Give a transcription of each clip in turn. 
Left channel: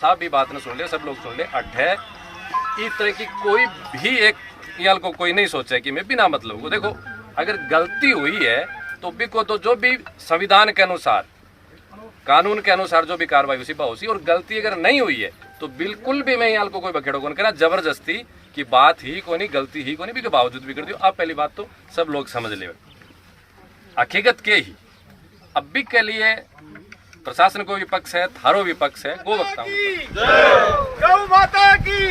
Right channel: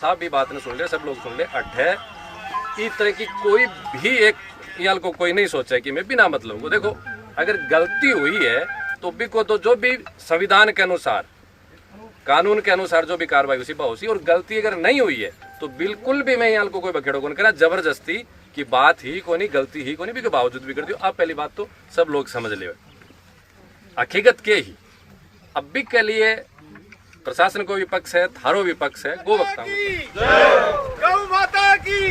साहब भी बात ने सुन लिया, सब लोग सुन ले। अड्ढे इस तरह की कोई भी एक याल को कोई नहीं सोचा कि मैं बिना मतलब को, देखो अगर गलती हुई है तो भी को तो जो भी संविधान के अनुसार कानून के अनुसार जो भी कार्रवाई उसी उसी, और गलती अगर नहीं हुई है तो बिल्कुल भी मैं याल को कोई बखेड़ो कौन करा, जबरदस्ती की बात ही को नहीं, गलती ही को नहीं, भी बावजूद भी कर दियो। अब पहली बात तो सब लोग समझ ले हकीकत के ही अब भी के लिए प्रशासन को विपक्ष है, थारो विपक्ष है, गो वक्ता गौ माता की,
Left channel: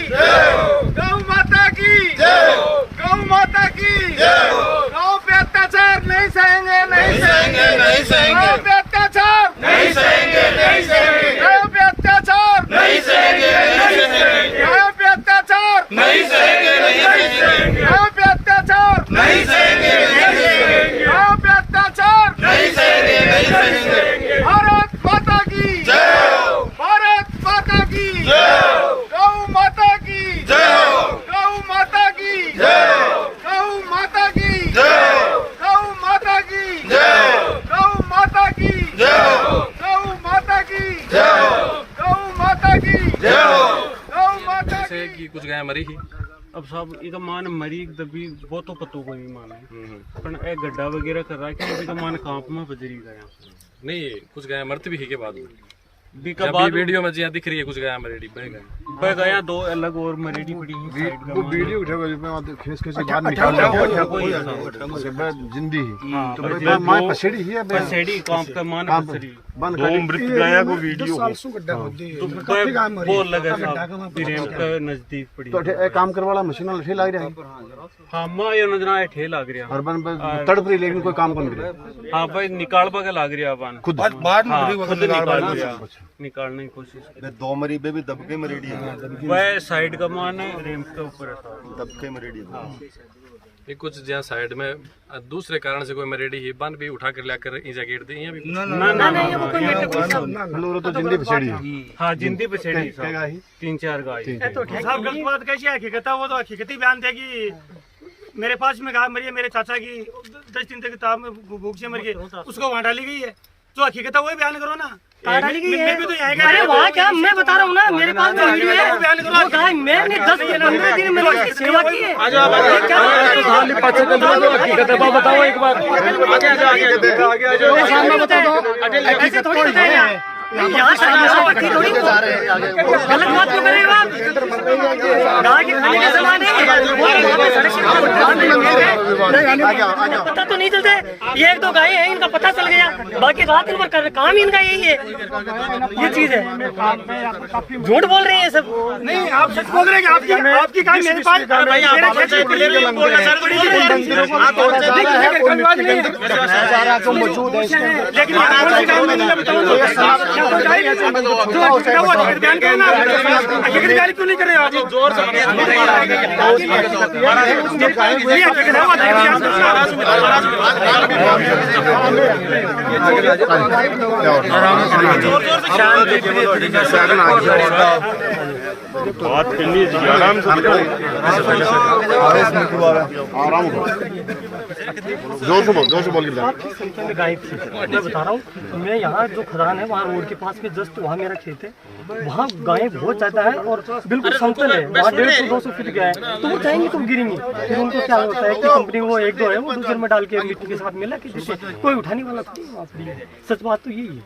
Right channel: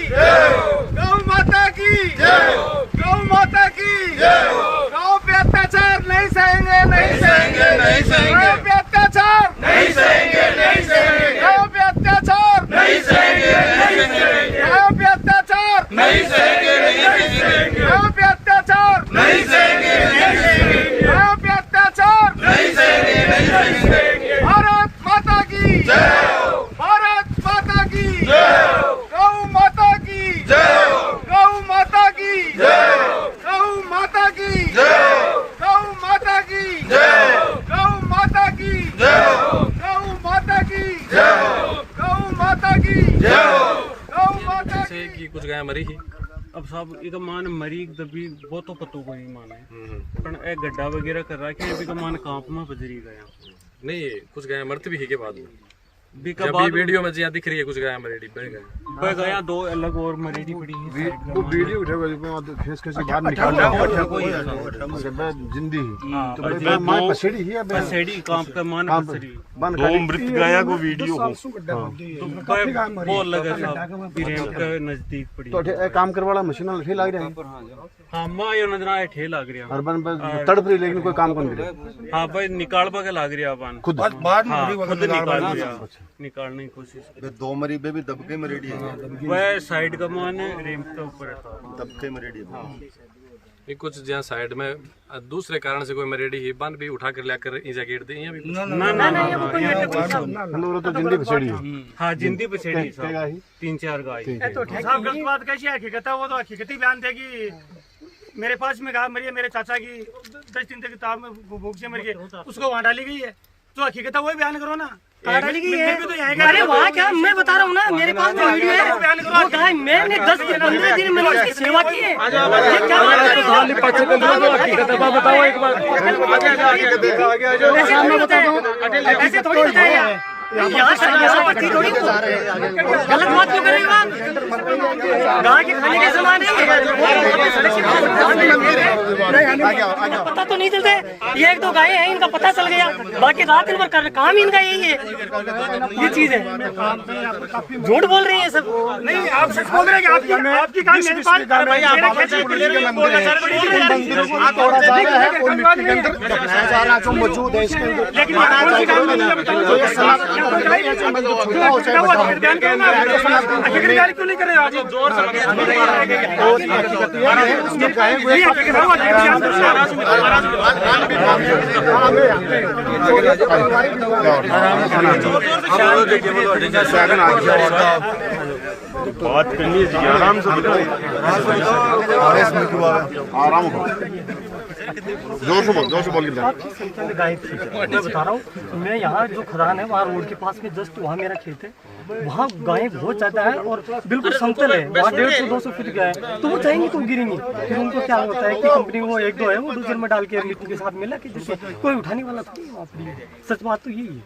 गौ माता की, गौ माता की, गौ पे अत्याचार नहीं सहेंगे, नहीं सहेंगे, नहीं सहेंगे, गौ पे अत्याचार नहीं सहेंगे, नहीं सहेंगे, गौ पे अत्याचार नहीं सहेंगे, नहीं सहेंगे, गौ पे अत्याचार नहीं सहेंगे, नहीं सहेंगे, गौ पे अत्याचार नहीं सहेंगे, नहीं सहेंगे, गौ पे अत्याचार नहीं सहेंगे, नहीं सहेंगे। भारत माता की जय, भारत माता की जय, गौ माता की जय, गौ माता की जय, गौ माता की जय, गौ माता की जय, गौ माता की जय, गौ माता की जय, गौ माता की जय, गौ माता से की कुछ गाय मरी ही। अब साहब एक मान मरी दबी वो तो पतो को नहीं माना है, पर ए गड्ढा वगैरह कर रहा है कि मान कांप में बजरी गया नहीं, कुछ गाय मरती भी है के बाद में बीका जब बाद वीडियो में जिया दिख रही है कुछ गाय मरेडी बह गया, दो अलग और मरेडी पड़ी है साइड का। वो वीडियो उठेगा जिसमें खेस खेस बाहर निकाल लिया जिंदी ही तो भाई मां पसेड़ी ही है पसेड़ी कांप का मान पसेड़ी बंद दो मृत गाया को वीडियो तो वो लगा साहब प्रेम के नजदीक पड़ी तो एक काम करवाला मशीन लठे लाग रहा है। हां मां यो नजर आए ठे लाग रहा हर बन तड़प रही लेकिन कोई काम कौन करे। हां भाई निकालबा के लाग रहा अपन खुद खुद निकाल रहा, निकालने की कोशिश। दो मरी बे भी दबके मरेडी है, वह साइड का मान रेम्प के ऊपर है साहब, दबके मरेडी है। ये कुछ जहाँ साइड में दूसरे कारण से कोई मरेडी ही बन भी उठा कर लाकर ईजा गेट दी यहाँ भी ना ना ना हेलो तो जिंदी पसेड़ी है। हाँ जिंदी पसेड़ी साहब, 3-4 गाय। तो साहब गलत बात कैसी है? हकीकत है वो तो हकीकती बयान देगी। मेरे पास में कहा मरी है, मेरे चाचा की 10 दिन तक ताप में भूख से मर गई, उसको वहाँ डाली गई है। जो हकीकत है वही बयान करो ना। डाली गई है। अरे वहाँ क्या, मैं बता रहा हूँ ना, मेरे पास में वीडियो है। वो गाय मैंने 10-15 दिन मैंने उसकी सेवा की है। ये क्या बात कर रहे हो? बताओ एक बार। ऐसे नहीं होता है, ऐसे थोड़ी होता है यार। यहाँ पर थी थोड़ी, गलत बात क्यों कर रहे हो आप? गाय के खाने के सामान है, पता तो नहीं चलता है। ये 1-2 गायें हैं, इनका पता चल गया, बाकी रात दिन भर काम इनका यही है। ये चीज है, झूठ बोल रही है सब। नहीं आप सच बोल रहे हैं कि आपकी गाय मेरे पास मंदिर है, उन मंदिरों को तोड़ा जा रहा है, उन मिट्टी के अंदर दफनाया जा रहा है जो मौजूद है इसके अंदर। लेकिन करोगे ना तो ये सनातन ऐसे मंदिर छोटा हो चाहे बड़ा हो, क्यों नहीं कर रहे हो? जोर बात करनी चाहिए आराम से, आराम हो, जोर से बोल के गाय थी, मैं बता रहा हूँ। मैं यहाँ जो खदान है वहाँ रोड के पास में जस्ट वहाँ मेरा खेत है, वहाँ गायें बहुत ज्यादा है और बिल्कुल समतल है। वहाँ 150-200 फीट गया है, तो वो चाहेंगी तो गिरेंगी। फिर उनको क्या होता है कि कंपनी वो 1-2 है वो डोजर में डाल के मिट्टी के साथ मिला के जिससे कोई उठाने वाला थोड़ी वहाँ पड़ी। सच बात तो यही है,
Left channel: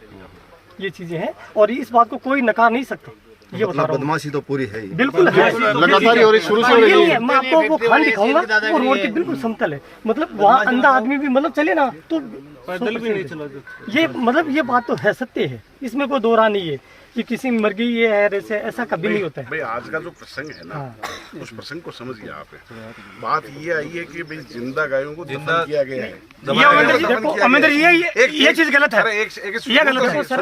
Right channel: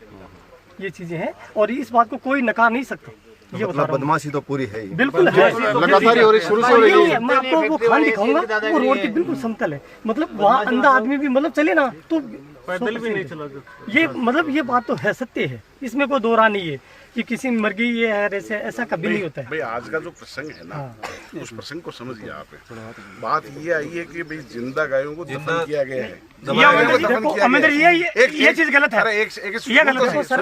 ये चीजें हैं और इस बात को कोई नकार नहीं सकता। ये बता रहा हूँ, बदमाशी तो पूरी है, बिल्कुल है, लगातार और शुरू से ये नहीं है। मैं आपको वो खान दिखाऊंगा, वो रोड के बिल्कुल समतल है, मतलब वहाँ अंधा आदमी भी मतलब चले ना तो पैदल भी नहीं चला। ये मतलब ये बात तो है, सत्य है, इसमें कोई दो राह नहीं है कि किसी मर गई ये है ऐसे, ऐसा कभी नहीं होता है। भाई आज का जो प्रसंग है ना, उस प्रसंग को समझ गया आप। बात ये आई है कि भाई जिंदा गायों को दफन किया गया है। देखो अमरिंदर ये चीज गलत है, ये गलत है सर।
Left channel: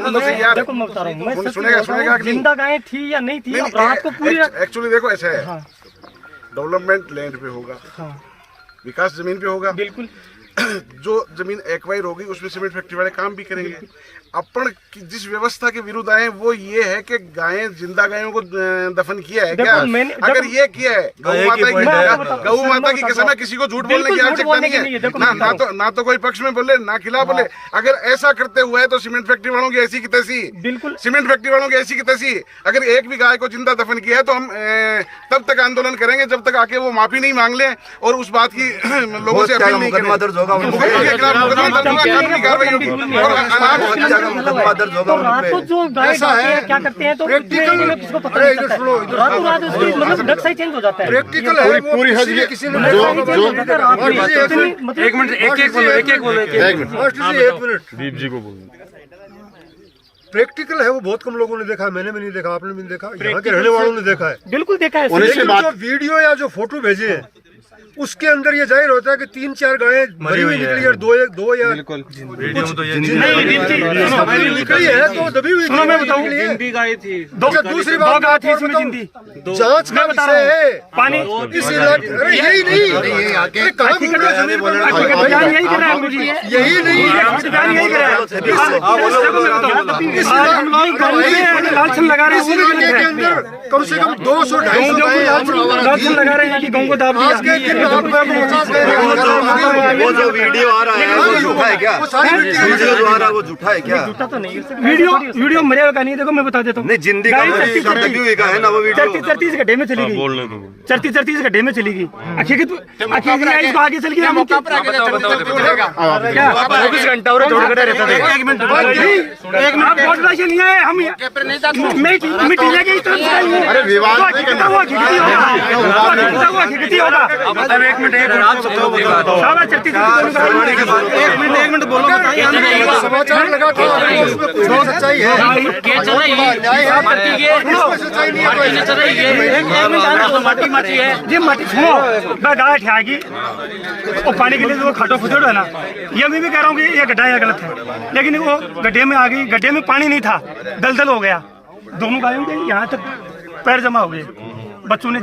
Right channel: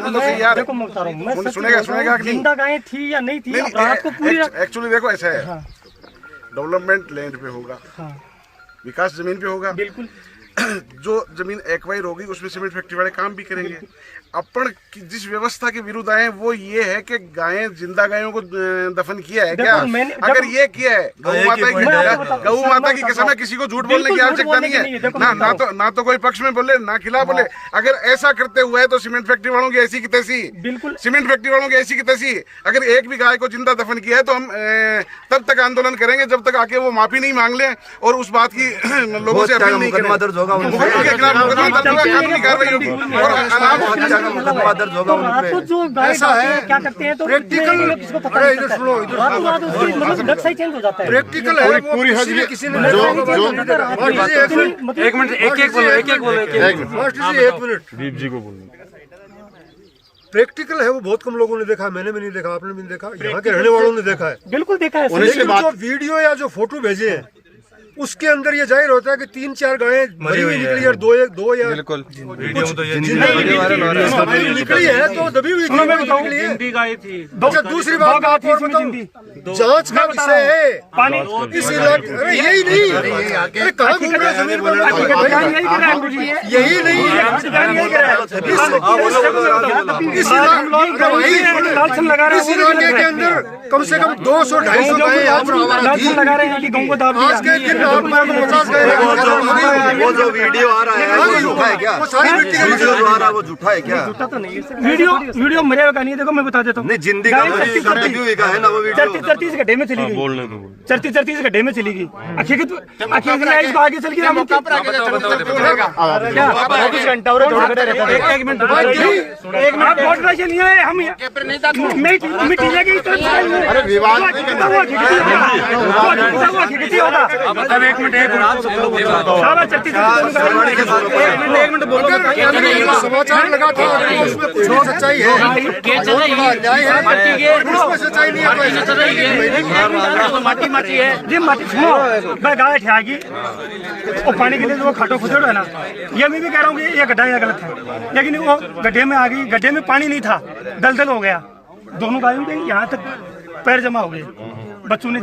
देखो मैं बता रहा हूँ, मैं सच जिंदा गायें थी या नहीं थी, अब रात को पूरी एक्चुअली देखो ऐसा है, डेवलपमेंट लैंड पे होगा, विकास जमीन पे होगा, बिल्कुल। जो जमीन एक्वायर होगी उसमें सीमेंट फैक्ट्री वाले काम भी करेंगे। अपन जिस व्यवस्था के विरुद्ध आए वो ये है कि गायें, जिंदा गायों को दफन किया है क्या? अगर ये किया है, गौ माता की कसम है, किसी को झूठ बोलने की आवश्यकता नहीं है। ना तो कोई पक्ष में बोले ना खिलाफ बोले। अगर ऐसा करते हुए है तो सीमेंट फैक्ट्री वालों की ऐसी की तैसी, बिल्कुल सीमेंट फैक्ट्री वालों की ऐसी की तैसी। अगर एक भी गाय को जिंदा दफन किया है तो हम तब तक आंदोलन करेंगे जब तक आके वो माफी नहीं मांग ले और उस बात की लोगों से अपील नहीं करें। तो रात को जो गाय जाते हैं क्या करते हैं तो किसको पता नहीं चलता है। रातों रात उसकी मतलब नक्शा ही चेंज हो जाता है। प्रैक्टिकल है पूरी है किसी ने एक मिनट, एक बोलो दीप जी को बोलना। प्रैक्टिकल है, वो बहुत कम लोगों ने देखा है, मैंने भी नहीं देखा, आपने भी नहीं देखा, यहाँ के रहने वालों ने देखा है। बिल्कुल देखा है। लेकिन जो वीडियो या जो फोटो भेजे हैं उसके अंदर ये जाहिर होता है कि 3-4 गायें मरी हुई निकली और दो या बिल्कुल निकली है तो दबी हुई जिंदी गाय थी। दूसरी बात जांच का विषय है। इस इलाके यही नहीं कहाँ घूम रहा है, यही नहीं इस इलाके के अंदर कम से कम 200-250 लगा रहे हैं कि गाँव को दाब दिया। वो जो वीडियो आ रहा है वो झूठा है क्या? वीडियो जो आ रहा है वो झूठा है क्या? झूठा तो नहीं है। वीडियो मरेगा का नहीं है। देखो मैं बता देता हूँ। नहीं, जिंदी का है ना वो वीडियो। 34 गड्ढे में चली गई। 34 गड्ढे में चली गई। आगे चल गई। एक मिनट समाचार लगा था उसमें कुछ सच्चाई जी माटी सुनो गाय ठेगी वो पानी के लिए वो खाटो खुचड़ है ना। ये मैं भी कह रहा हूँ कि ये गड्ढा है गलत है, लेकिन वो गड्ढे में आ गई। गड्ढे में पानी नहीं था, दलदल हो गया। दोनों गायों के यहाँ तक पैर जमा हो गए। बच्चों ने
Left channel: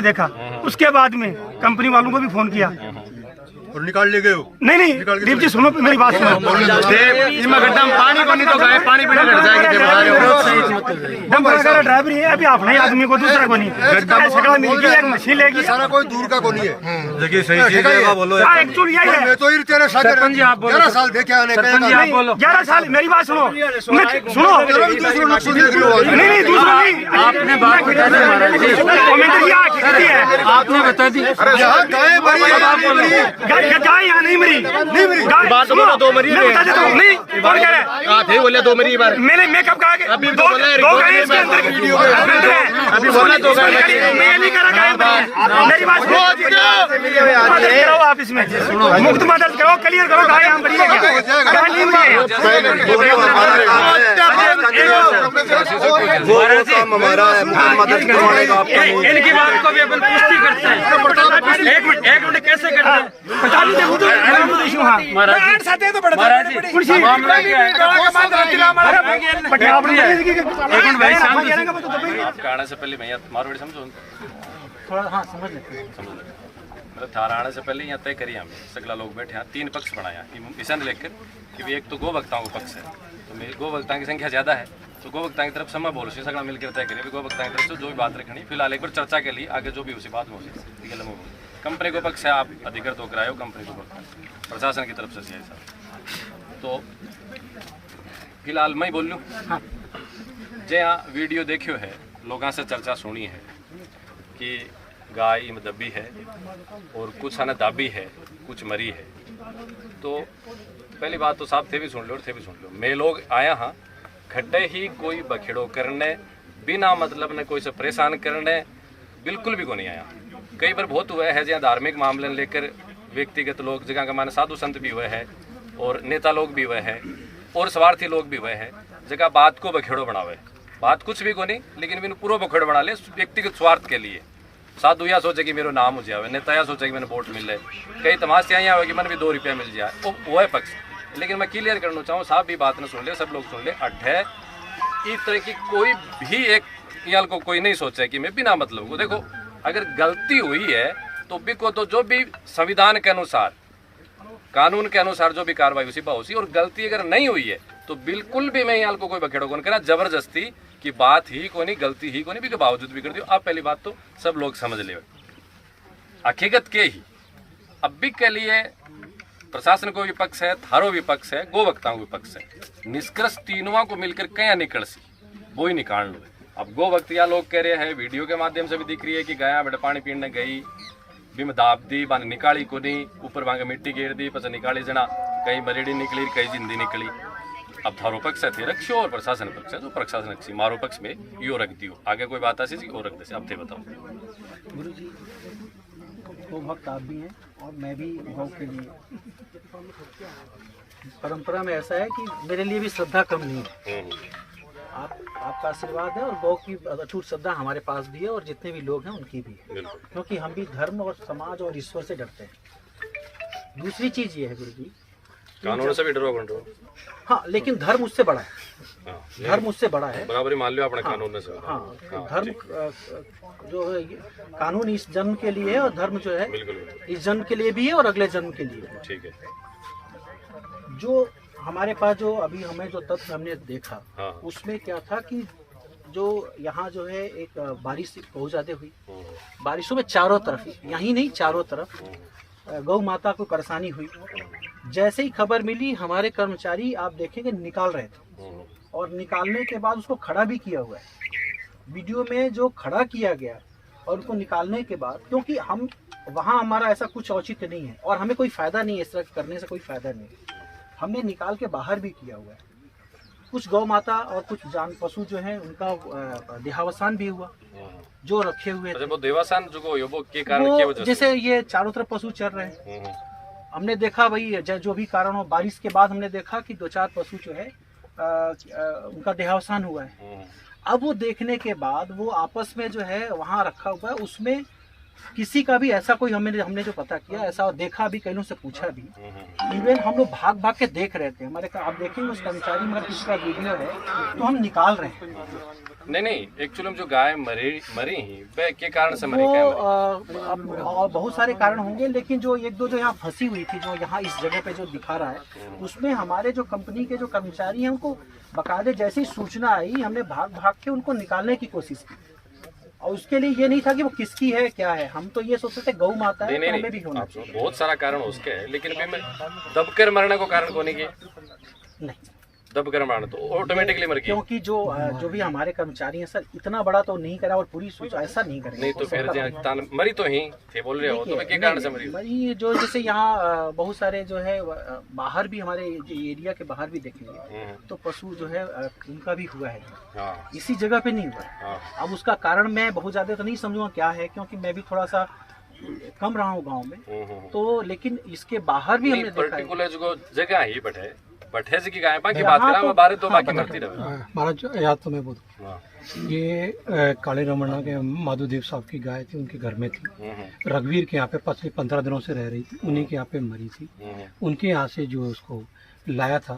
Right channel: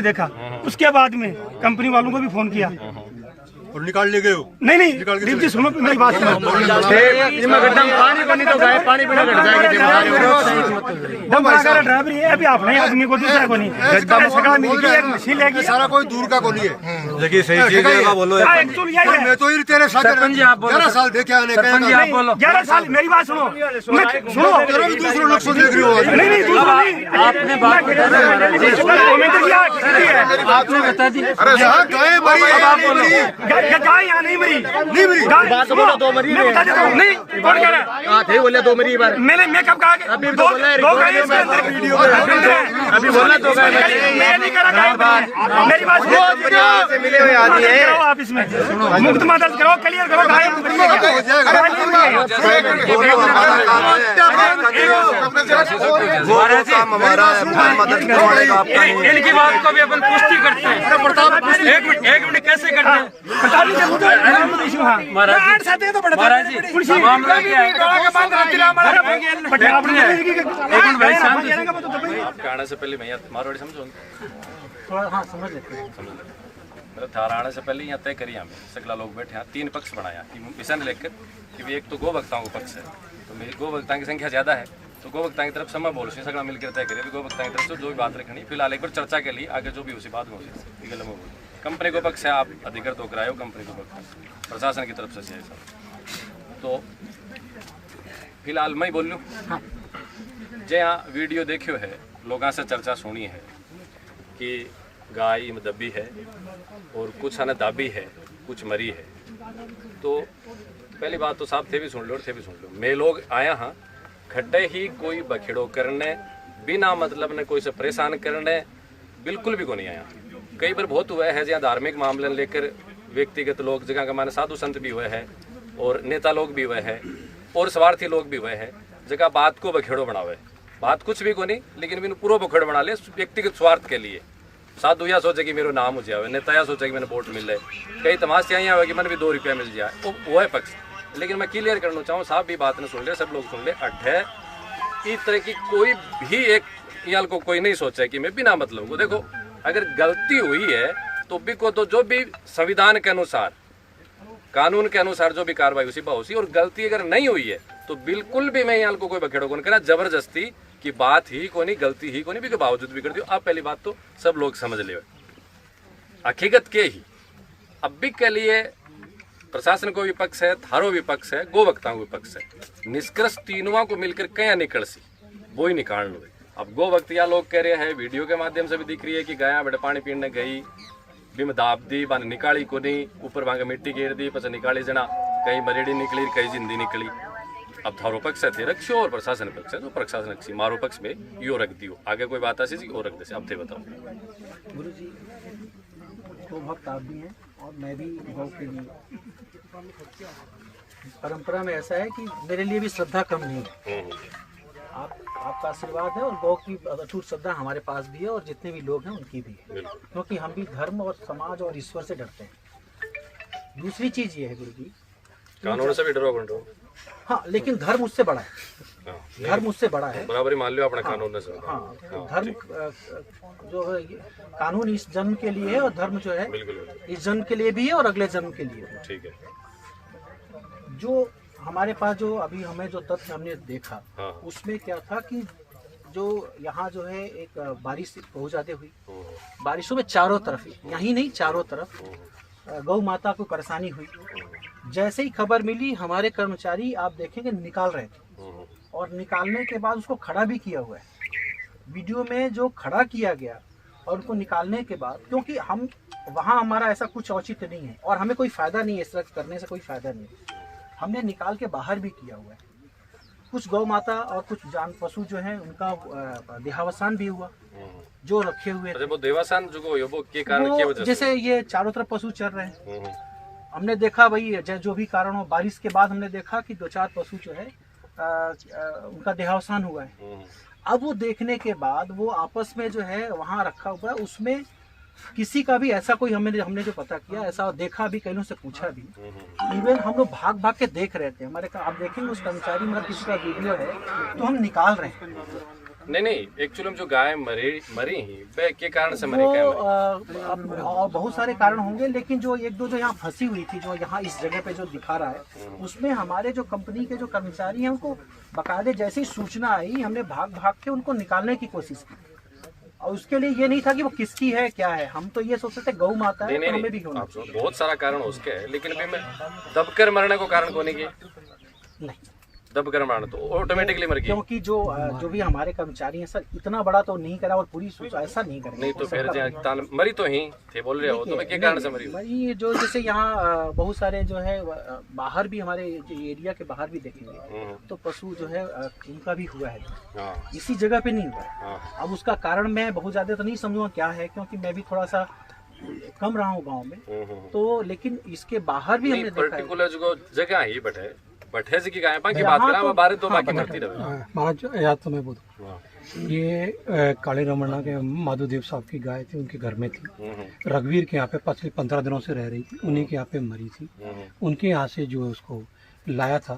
देखा। उसके बाद में कंपनी वालों को भी फोन किया और निकाल ले गए हो। नहीं दीप जी सुनो मेरी बात सुनो। ड्राइवर है अभी अपने आदमी को दूसरा को नहीं मशीन लेगी। सारा कोई दूर का को नहीं है। देखिए सही बोलो। मैं तो तेरे साथ सरपंच जी आप बोलो। 11 साल देखे आने। सरपंच जी आप बोलो। 11 साल मेरी बात सुनो। दूसरा नक्शा देख रहे हो। नहीं दूसरा नहीं। आपने बता दी यहाँ गाय मरी गाय यहाँ नहीं मरी। बात तो बोलो, 2 मरी नहीं कौन कह रहा है? बोले 2 मरी बार मैं कब कहा? अभी तो बोला है वीडियो में अभी बोला 2 गाय मेरी बात करो। आप इसमें मुकदमा दर्ज करो, क्लियर करो। गाय हम बड़ी वो काम हमारा है, मुकदमा दर्ज करवाने का आपका नहीं। इनकी बात को भी अपन पुष्टि करते हैं। एक मिनट कैसे करते हैं महाराज जी? मामला क्या है? फैक्ट्री है। लेकिन भाई आपका आने से पहले मैं यहाँ मारवाड़ी समझो समझ लेते मतलब थारा आने से पहले यहाँ तय करी हमें सगला लोग बैठे यहाँ 3 पक्ष बनाया मिशन लेकर कि एक तो गोवक्ताओं का पक्ष है। तो मेरी गोवक्ताओं की संख्या ज़्यादा है तो गोवक्ताओं की तरफ से मैं बोल सगला मिलकर तय करिए गोवक्ताओं की तरफ से जो भी बात रखनी फिलहाल एक बार चर्चा के लिए आगे जो भी उसी बात में हो कंपनी को पक्ष है। आप अधिकृत होकर आए हो कंपनी को पक्ष प्रशासन की तरफ से साहब। तो फिलहाल मैं बोल लूँ जे यहाँ वीडियो देखियो है लोगों से चर्चा सुनी है कि गाय में दबी है और कुछ है ना दाबी है कुछ मरी है। तो पहली बात तो साहब थे भी सुन लो और थे भी सुन लो। मैं लोग आया हाँ खड्डे ही कोई बखेड़ो करने बिना मतलब ने कोई से परेशान करने बिल्कुल भी को नहीं आया। कई बार बहुत हुआ है जहाँ धार्मिक मामले लेकर व्यक्तिगत लोग जगह का माने साधु संत भी हुए हैं और नेता लोग भी हुए हैं और स्वार्थी लोग भी हुए हैं जगह बात को बखेड़ो बनावे। बात कुछ भी को नहीं लेकिन बिन पूरा बखेड़ो बना ले व्यक्तिगत स्वार्थ के लिए। साधु या सोचे कि मेरा नाम हो जाए, नेता या सोचे कि मैंने वोट मिल जाए, कई तमाशा यहाँ हुआ कि मैंने भी 2 रुपया मिल जाए वो है पक्ष। लेकिन मैं क्लियर करना चाहूँ साहब भी बात ने सुन ले सब लोग सुन ले अड्ढे इस तरह की कोई भी एक यहाँ को कोई नहीं सोचा कि मैं बिना मतलब को देखो अगर गलती हुई है तो भी को तो जो भी संविधान के अनुसार कानून के अनुसार जो भी कार्रवाई उसी होती, और गलती अगर नहीं हुई है तो बिल्कुल भी मैं यहाँ को कोई बखेड़ो कौन करा, जबरदस्ती की बात ही को नहीं, गलती ही को नहीं, भी बावजूद भी कर दियो। अब पहली बात तो सब लोग समझ ले, हकीकत के ही अब भी के लिए प्रशासन को विपक्ष है, थारो विपक्ष है, गोवक्ताओं विपक्ष है, निष्कर्ष तीनों को मिलकर कया निकल सी वो ही निकाल लो। अब गोवक्तिया लोग कह रहे हैं, वीडियो के माध्यम से भी दिख रही है कि गया बेटा पानी पीने गई, बिम दाब दी, बाने निकाली को नहीं, ऊपर वहां मिट्टी गिर दी, पस निकाली जना, कहीं मरेड़ी निकली, कहीं जिंदी निकली। अब थारो पक्ष थे रखो और प्रशासन पक्ष है, तो प्रशासन रखी मारो पक्ष में यो रख दियो, आगे कोई बात ऐसी और रख दे। अब थे बताओ गुरु जी, गौ भक्त आप भी हैं और मैं भी गौ के लिए, परंपरा में ऐसा है कि मेरे लिए भी श्रद्धा कम नहीं है। आपका आशीर्वाद है और गौ की अटूट श्रद्धा हमारे पास भी है और जितने भी लोग हैं उनकी भी है, क्योंकि हम भी धर्म और समाज और ईश्वर से डरते हैं। दूसरी चीज ये है गुरु जी, कानून से भी डरो कंट्रो, हाँ, लेकिन धर्म उससे बड़ा है, धर्म उससे बड़ा है, बराबरी मान लो अपने कानून से। हाँ, धर्म जो है कानून इस जन्म के लिए है और धर्म जो है इस जन्म के लिए भी है और अगले जन्म के लिए। ठीक है। जो हमारे पास जो अभी हमें जो तथ्य हमने देखा, उसमें क्या था कि जो यहाँ जो है एक बारिश बहुत ज्यादा हुई, बारिशों में चारों तरफ, यहीं नहीं चारों तरफ गौ माता को परेशानी हुई। जैसे ही खबर मिली, हमारे कर्मचारी आप देखेंगे निकाल रहे थे, और निकालने के बाद उसको खड़ा भी किया हुआ है। वीडियो में जो खड़ा किया गया और उसको निकालने के बाद, क्योंकि हम वहाँ हमारा ऐसा कुछ औचित्य नहीं है और हमें कोई फायदा नहीं है, इस तरह करने से कोई फायदा नहीं है, हमने निकाल के बाहर भी किया हुआ है। कुछ गौ माता और कुछ जान पशु जो है उनका देहावसान भी हुआ, जो रखे हुए थे। वो देवासान जो वो के कारण क्या वजह से? जैसे ये चारों तरफ पशु चल रहे हैं, हमने देखा भाई जो भी कारण हो, बारिश के बाद हमने देखा कि 2-4 पशु जो है उनका देहावसान हुआ है। अब वो देखने के बाद वो आपस में जो है वहाँ रखा हुआ है, उसमें किसी का भी ऐसा कोई हमने जो पता किया, ऐसा देखा भी, कईयों से पूछा भी, इवन हम लोग भाग भाग के देख रहे थे। हमारे आप देखेंगे उस कर्मचारी में किसी का वीडियो है तो हम निकाल रहे हैं। नहीं, एक्चुअली जो गाय मरी ही वे के कारण से मरी, क्या अब बहुत सारे कारण होंगे, लेकिन जो एक दो जो यहाँ फंसी हुई थी, जो यहाँ इस जगह पे जो दिखा रहा है, उसमें हमारे जो कंपनी के जो कर्मचारी हैं उनको बकायदे जैसे ही सूचना आई, हमने भाग भाग के उनको निकालने की कोशिश की। और उसके लिए ये नहीं था कि वो किसकी है क्या है, हम तो ये सोचते थे गौ माता है, तो हमें भी होना चाहिए। बहुत सारा कारण उसके है, लेकिन अभी मैं दबकर मरने को कारण कोने की नहीं, दबकर मरना तो ऑटोमेटिकली मर गई, क्योंकि जो भी हमारे कर्मचारी हैं सर, इतना बड़ा तो नहीं करा और पूरी सोच ऐसा नहीं करेंगे। नहीं तो फिर मरी तो ही थे बोल रहे हो, तो मैं क्या कारण से मरी? जो जैसे यहाँ बहुत सारे जो है बाहर भी, हमारे एरिया के बाहर भी देखेंगे तो पशु जो है उनका भी हुआ है, इसी जगह पे नहीं हुआ है। अब उसका कारण मैं बहुत ज्यादा तो नहीं समझूंगा क्या है, क्योंकि मैं भी थोड़ा सा कम रहा हूँ गाँव में, तो लेकिन इसके बाहर भी हमने देखा पर्टिकुलर जो जगह ही बटे से की गाय की बात करा, बारह तो बाकी मरती रहे। महाराज याद तो मैं बोलूँ, ये काले रमन्ना के माधोदेव साहब की गाय थी, उनके घर में थी, रघुवीर के यहाँ पे 15 दिनों से रह रही थी, उन्हीं के यहाँ पे मरी थी। उनके यहाँ से जो उसको लाया था,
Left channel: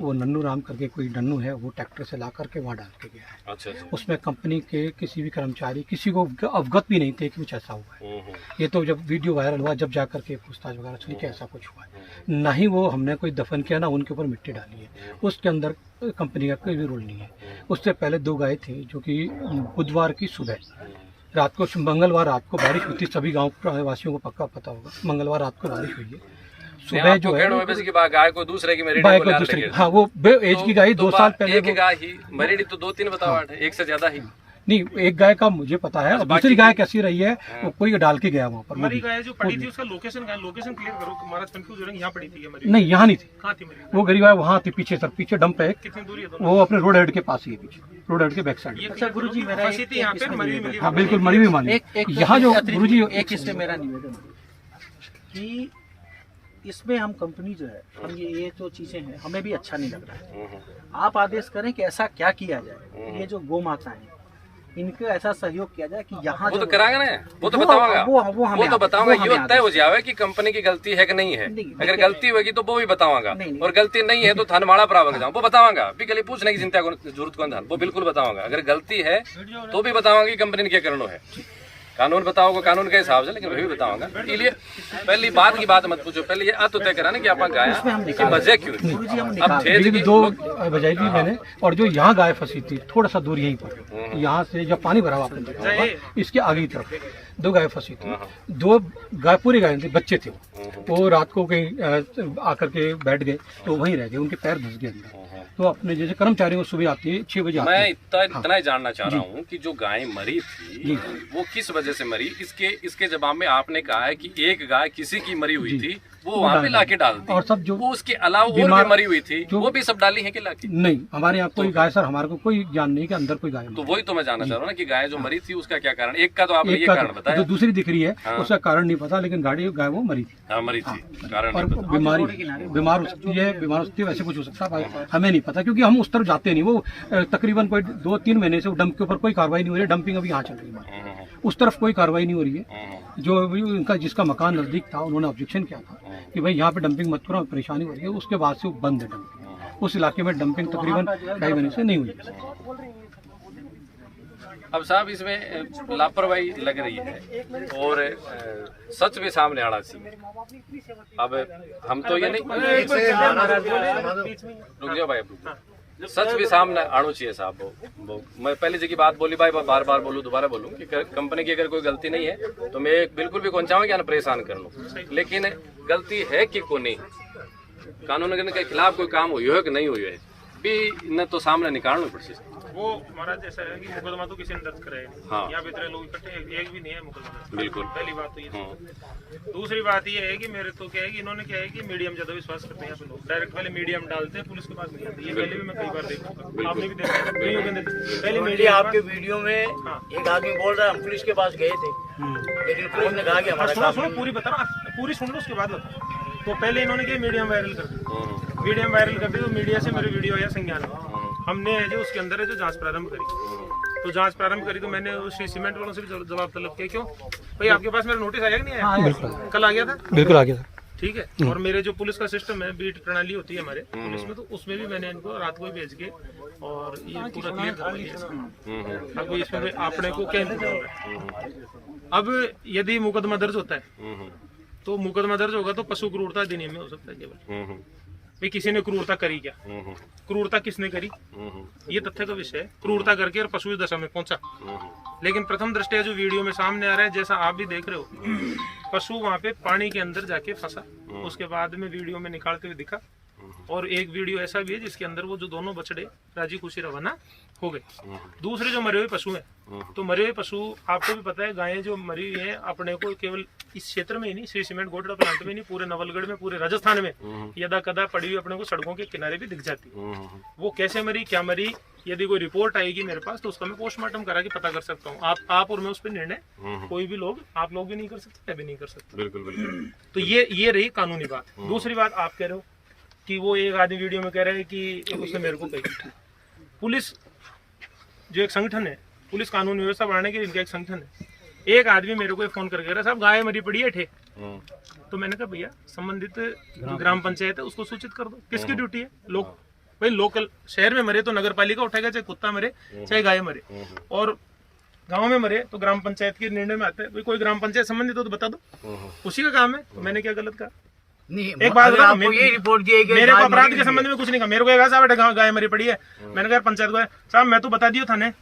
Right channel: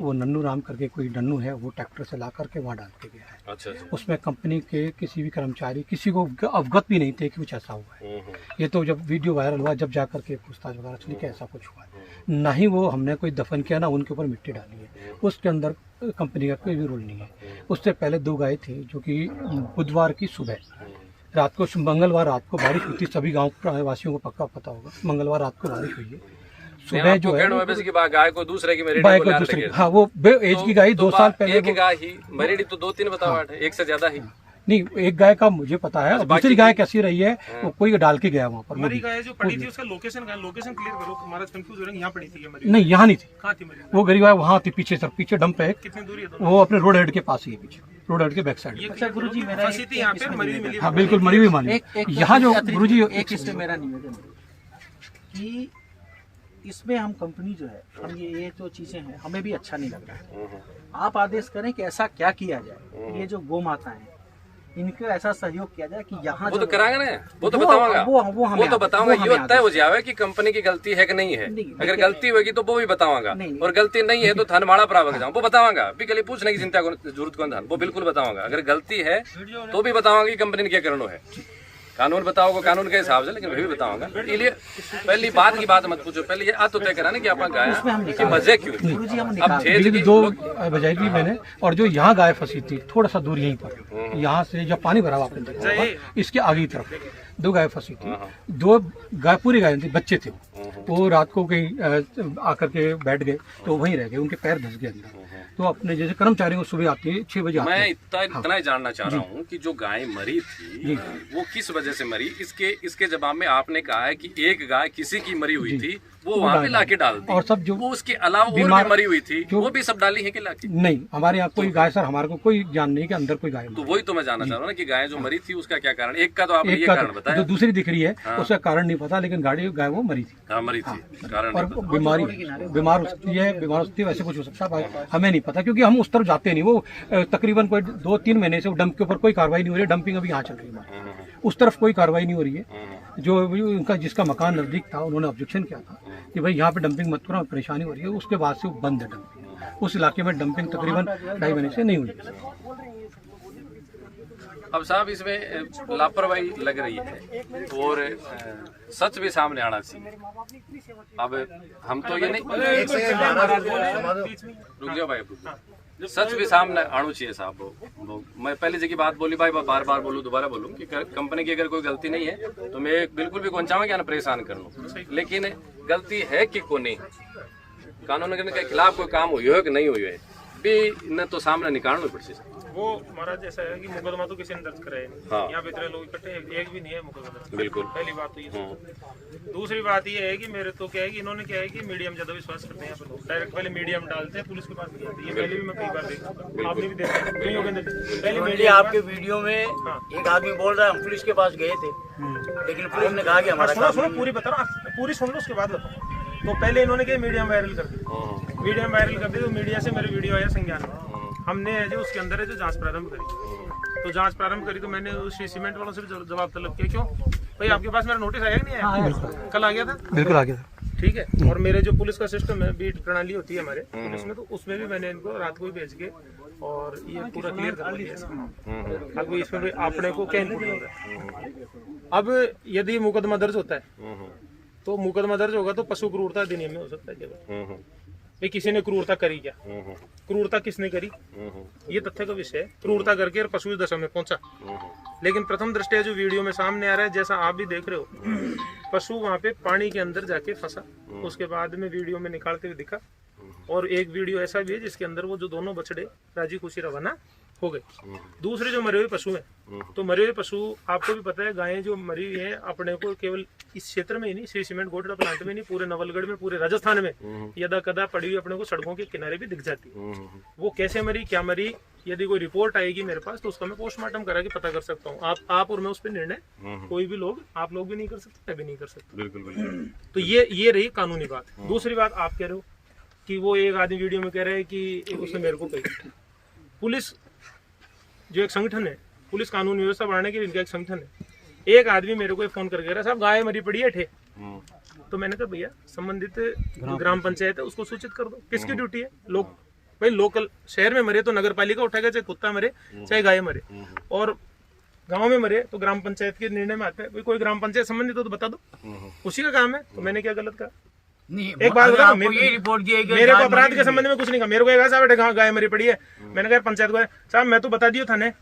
वो नन्नू राम करके कोई नन्नू है, वो ट्रैक्टर से ला करके वहाँ डाल के गया है। अच्छा। उसमें कंपनी के किसी भी कर्मचारी किसी को अवगत भी नहीं थे कि कुछ ऐसा हुआ है। ये तो जब वीडियो वायरल हुआ, जब जा करके पूछताछ वगैरह सुनी कि ऐसा कुछ हुआ है, ना ही वो हमने कोई दफन किया, ना उनके ऊपर मिट्टी डाली है, उसके अंदर कंपनी का कोई भी रोल नहीं है। उससे पहले 2 गाय थी, जो कि बुधवार की सुबह रात को, मंगलवार रात को बारिश हुई थी, सभी गाँव वासियों को पक्का पता होगा, मंगलवार रात को बारिश हुई है। सुबह जो है गाय को दूसरे की मेरी दूसरी, हाँ वो एज की गाय 2 साल पहले, एक गाय ही मरीडी तो 2-3 बताओ, एक से ज्यादा ही नहीं, एक गाय का मुझे पता है, दूसरी गाय कैसी रही है वो कोई डाल के गया वहाँ पर। मरी गाय जो पड़ी थी उसका लोकेशन क्लियर करो, तुम्हारा कंफ्यूज हो रहा है, यहाँ पड़ी थी? नहीं, यहाँ नहीं थी, कहाँ थी मरी? वो गरीब गाय वहाँ थी पीछे, सर पीछे डंप है, कितनी दूरी है? वो अपने रोड हेड के पास ही है, पीछे रोड हेड के बैक साइड। अच्छा गुरुजी, मेरा हाँ बिल्कुल मरी हुई मानी। यहाँ जो गुरुजी एक इससे मेरा निवेदन कि इसमें हम कंपनी जो है, हम ये जो चीजें हैं हमें भी अच्छा नहीं लग रहा है। आप आदेश करें कि ऐसा क्या किया जाए, ये जो गौ माता है इनको ऐसा सहयोग किया जाए कि यहाँ वो तो कराएंगे ना, वो तो बताऊंगा, वो तो बताऊंगा, ये तय हो जाए कि कंपनी की गलती है कि नहीं है। अगर गलती होगी तो वो भी बताऊंगा, और गलती नहीं है तो थानमाड़ा प्रावंग जाऊँ, वो बताऊंगा। अभी के लिए पूछने की चिंता जरूरत कौन था, वो बिल्कुल बताऊंगा। अगर गलती है तो भी बताऊंगा कि कंपनी ने क्या करना है। कानून बताओगे कानून के हिसाब से, लेकिन मैं भी बताऊंगा। इसलिए पहली बात की बात मत पूछो, पहले ये तो तय करा ना कि आप गाया कि मजे क्यों। अब थे दो बजाई थी मैंने, और जो यहाँ गाय फंसी थी थोड़ा सा दूर यहीं पर, यहाँ से जब पानी भरा आपने देखा होगा, इसके आगे की तरफ 2 गाय फंसी थी। 2 गाय पूरी गाय थी, बच्चे थे वो रात को कहीं आकर के बैठ गए तो वहीं रह गए, उनके पैर धंस गए अंदर। तो अपने जैसे कर्मचारी को सुबह आते हैं 6 बजे आते हैं। मैं इतना ही जानना चाह रहा हूँ कि जो गाय मरी थी वो किस वजह से मरी। इसके जवाब में आपने कहा है कि एक गाय किसी की मरी हुई थी, वो वहाँ पे लाके डाल दी, और सब जो वो उसके अलावा और भी मरी हुई थी वो भी सब डाली है कि लाके? नहीं, हमारे यहाँ कोई गाय सर, हमारे को कोई ज्ञान नहीं कि अंदर कोई गाय। तो वही तो मैं जानना चाह रहा हूँ ना कि गाय जो मरी थी उसका क्या कारण। एक का तो आपने ये कारण बताया, जो दूसरी दिख रही है उसका कारण नहीं पता, लेकिन गाय वो मरी थी। हाँ, मरी थी, कारण और बीमार हो सकती है, वैसे कुछ हो सकता है, हमें नहीं पता, क्योंकि हम उस तरफ जाते नहीं। वो तकरीबन कोई 2-3 महीने से डंप के ऊपर कोई कार्रवाई नहीं हो रही है। डंपिंग अभी यहाँ चल रही है, उस तरफ कोई कार्रवाई नहीं हो रही है। जो उनका जिसका मकान नजदीक था उन्होंने ऑब्जेक्शन किया था कि भाई यहाँ पे डंपिंग मत करो, परेशानी हो रही है, उसके बाद से वो बंद है डंपिंग। उस इलाके में डंपिंग तकरीबन 2.5 महीने से नहीं हुई। अब साहब इसमें लापरवाही लग रही है और सच भी सामने आना चाहिए। अब हम तो ये नहीं, रुक जाओ भाई, सच भी सामने आना चाहिए साहब। मैं पहले जी की बात बोली भाई, बार बार बोलूँ, दोबारा बोलूँ कि कंपनी की अगर कोई गलती नहीं है तो मैं बिल्कुल भी कौन चाहूँ कि ना परेशान कर लूँ, लेकिन गलती है कि को नहीं, कानून के खिलाफ कोई काम हुई है कि नहीं हुई है भी न तो सामने निकालना पड़े। वो हमारा जैसा है कि मुकदमा तो किसी ने दर्ज कराया नहीं। हाँ। यहाँ पे इतने लोग इकट्ठे, एक भी नहीं है मुकदमा। बिल्कुल, पहली बात तो ये। दूसरी बात ये है कि मेरे तो क्या है कि इन्होंने क्या है कि मीडियम ज्यादा विश्वास करते हैं लोग, डायरेक्ट वाले मीडियम डालते हैं, पुलिस के पास नहीं होती। ये पहले भी मैं कई बार देख चुका हूं, आपने भी देखा। पहले मीडिया आपके वीडियो में एक आदमी बोल रहा है हम पुलिस के पास गए थे, लेकिन पुलिस ने कहा कि हमारा काम पूरी बता रहा, पूरी सुन लो उसके बाद बता। तो पहले इन्होंने क्या मीडियम वायरल कर दी, मीडियम वायरल कर दी, तो मीडिया से मेरी वीडियो आया संज्ञान में। हमने जो उसके अंदर है जो जांच प्रारंभ करी, तो जांच प्रारंभ करी तो मैंने उस सीमेंट वालों से भी जवाब तलब किया। क्यों भाई, आपके पास मेरा नोटिस आया कि नहीं आया? कल आ गया था, बिल्कुल आ गया था। ठीक है। और मेरे जो पुलिस का सिस्टम है, बीट प्रणाली होती है हमारे पुलिस में, तो उसमें भी मैंने इनको रात को ही भेज के और ये पूरा क्लियर करवा दिया इसका। अभी इसमें अपने को क्या इनपुट हो रहा है। अब यदि मुकदमा दर्ज होता है तो मुकदमा दर्ज होगा तो पशु क्रूरता अधिनियम में हो सकता है केवल। भाई किसी ने क्रूरता करी क्या, क्रूरता किसने करी, ये तथ्य का विषय है। क्रूरता करके पशु इस दशा में पहुंचा, लेकिन प्रथम दृष्टया जो वीडियो में सामने आ रहा है, जैसा आप भी देख रहे हो, पशु वहां पे पानी के अंदर जाके फंसा, उसके बाद में वीडियो में निकालते हुए दिखा। और एक वीडियो ऐसा भी है जिसके अंदर वो जो दोनों बछड़े राजी खुशी रवाना हो गए। दूसरे जो मरे हुए पशु हैं, तो मरे हुए पशु आपको भी पता है, गायें जो मरी हुई हैं अपने को केवल इस क्षेत्र में ही नहीं, श्री सीमेंट गोडड़ा प्लांट में नहीं, पूरे नवलगढ़ में, पूरे राजस्थान में यदा कदा पड़ी हुई अपने को सड़कों के किनारे भी दिख जाती है। वो कैसे मरी, क्या मरी, यदि कोई रिपोर्ट आएगी मेरे पास तो उसका मैं पोस्टमार्टम करा के पता कर सकता हूँ। आप और मैं उस पर निर्णय कोई भी लोग, आप लोग भी नहीं कर सकते, मैं भी नहीं कर सकता। बिल्कुल। तो ये रही कानूनी बात। दूसरी बात आप कह रहे हो कि वो एक आदमी वीडियो में कह रहे हैं कि उसने मेरे को कही। पुलिस जो एक संगठन है, पुलिस कानून व्यवस्था बढ़ाने के लिए इनका एक संगठन है। एक आदमी मेरे को फोन करके कह रहा, साहब गाय मरी पड़ी है ठे। तो मैंने कहा भैया संबंधित ग्राम पंचायत है उसको सूचित कर दो। किसकी ड्यूटी है? लोग भाई लोकल शहर में मरे तो नगर पालिका उठाएगा, चाहे कुत्ता मरे चाहे गाय मरे, और गांव में मरे तो ग्राम पंचायत के निर्णय में आता है। भाई कोई ग्राम पंचायत संबंधित हो तो बता दो, उसी का काम है। तो मैंने क्या गलत कहा? एक बात बताओ, मेरे को अपराध के संबंध में कुछ नहीं कहा। मेरे को साहब गाय मरी पड़ी है, मैंने कहा पंचायत को साहब मैं तो बता दियो थाने,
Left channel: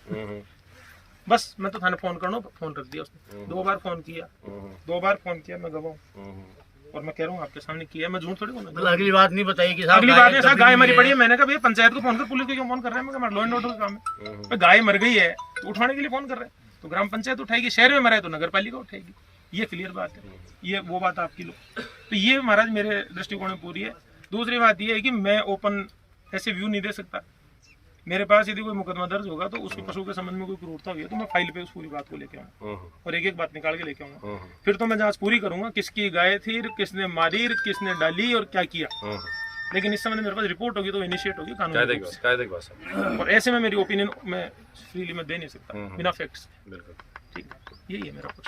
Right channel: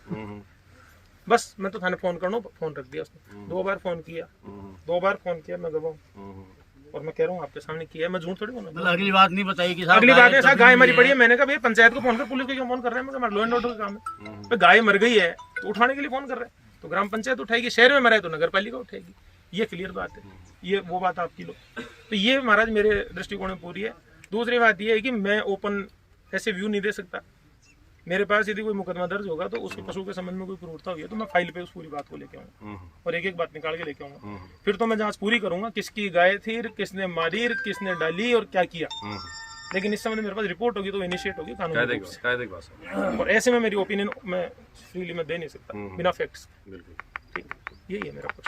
बस मैं तो थाने फोन करना, फोन रख दिया उसने। 2 बार फोन किया, मैं गवाह हूँ और मैं कह रहा हूँ आपके सामने किया, मैं झूठ थोड़ी बोलूंगा। अगली बात नहीं बताई कि अगली बात है साहब गाय मरी पड़ी है। मैंने कहा भैया पंचायत को फोन कर, पुलिस को क्यों फोन कर रहे हैं? मैं लॉ एंड ऑर्डर का काम है। गाय मर गई है तो उठाने के लिए फोन कर रहे हैं, तो ग्राम पंचायत उठाएगी, शहर में मरा है तो नगर पालिका उठाएगी। ये क्लियर बात है, ये वो बात आपकी लो। तो ये महाराज मेरे दृष्टिकोण में पूरी है। दूसरी बात ये है कि मैं ओपन ऐसे व्यू नहीं दे सकता। मेरे पास यदि कोई मुकदमा दर्ज होगा तो उसके पशु के संबंध में कोई क्रूरता हुई है तो मैं फाइल पे उस पूरी बात को लेके आऊंगा और एक एक बात निकाल के लेके आऊंगा। फिर तो मैं जांच पूरी करूंगा, किसकी गाय थी, किसने मारी, किसने डाली और क्या किया। लेकिन इस समय मेरे पास रिपोर्ट होगी तो इनिशिएट होगी कानूनी रूप से। और ऐसे में मेरी ओपिनियन मैं फ्रीली में दे नहीं सकता बिना फैक्ट्स। ठीक, यही है मेरा कुछ।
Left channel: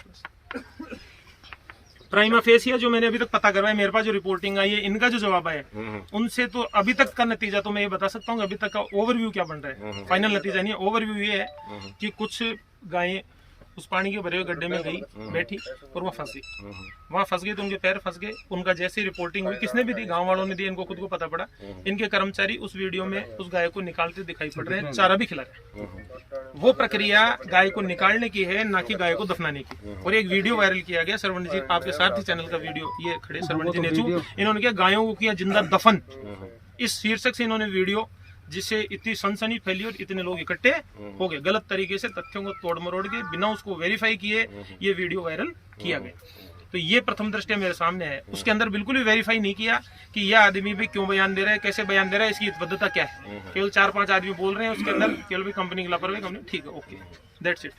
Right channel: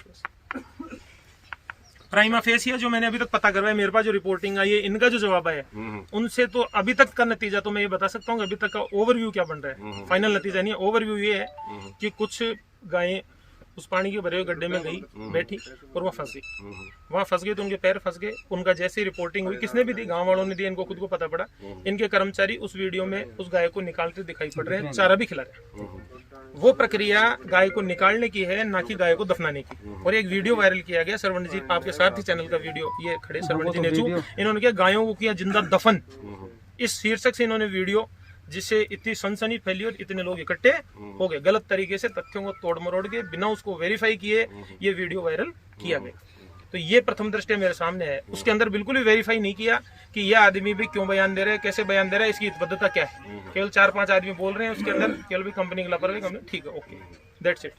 प्राइमा फेसिया जो मैंने अभी तक पता करवाया, मेरे पास जो रिपोर्टिंग आई है, इनका जो जवाब आया उनसे तो अभी तक का नतीजा तो मैं ये बता सकता हूँ, अभी तक का ओवरव्यू क्या बन रहा है। फाइनल नतीजा नहीं है, ओवरव्यू ये है कि कुछ गायें उस पानी के भरे हुए गड्ढे में गई, बैठी और वहाँ फंस गई। वहाँ फंस गई तो उनके पैर फंस गए। उनका जैसे ही रिपोर्टिंग हुई, किसने भी दी, गांव वालों ने दी, इनको खुद को पता पड़ा। इनके कर्मचारी उस वीडियो में उस गाय को निकालते दिखाई पड़ रहे हैं, चारा भी खिला रहे हैं। वो प्रक्रिया गाय को निकालने की है, ना कि गाय को दफनाने की। और एक वीडियो वायरल किया गया, सरवण जी आपके साथ ही चैनल का वीडियो, ये खड़े सरवण जी नेचू, इन्होंने किया गायों को किया जिंदा दफन, इस शीर्षक से इन्होंने वीडियो, जिससे इतनी सनसनी फैली और इतने लोग इकट्ठे हो गए। गलत तरीके से तथ्यों को तोड़ मरोड़ के बिना उसको वेरीफाई किए ये वीडियो वायरल किया गया। तो ये प्रथम दृष्टया मेरे सामने है। उसके अंदर बिल्कुल भी वेरीफाई नहीं किया कि यह आदमी भी क्यों बयान दे रहा है, कैसे बयान दे रहा है, इसकी हितबद्धता क्या है। केवल 4-5 आदमी बोल रहे हैं, उसके अंदर केवल भी कंपनी की लापरवाही, कंपनी ठीक है, ओके, दैट्स इट।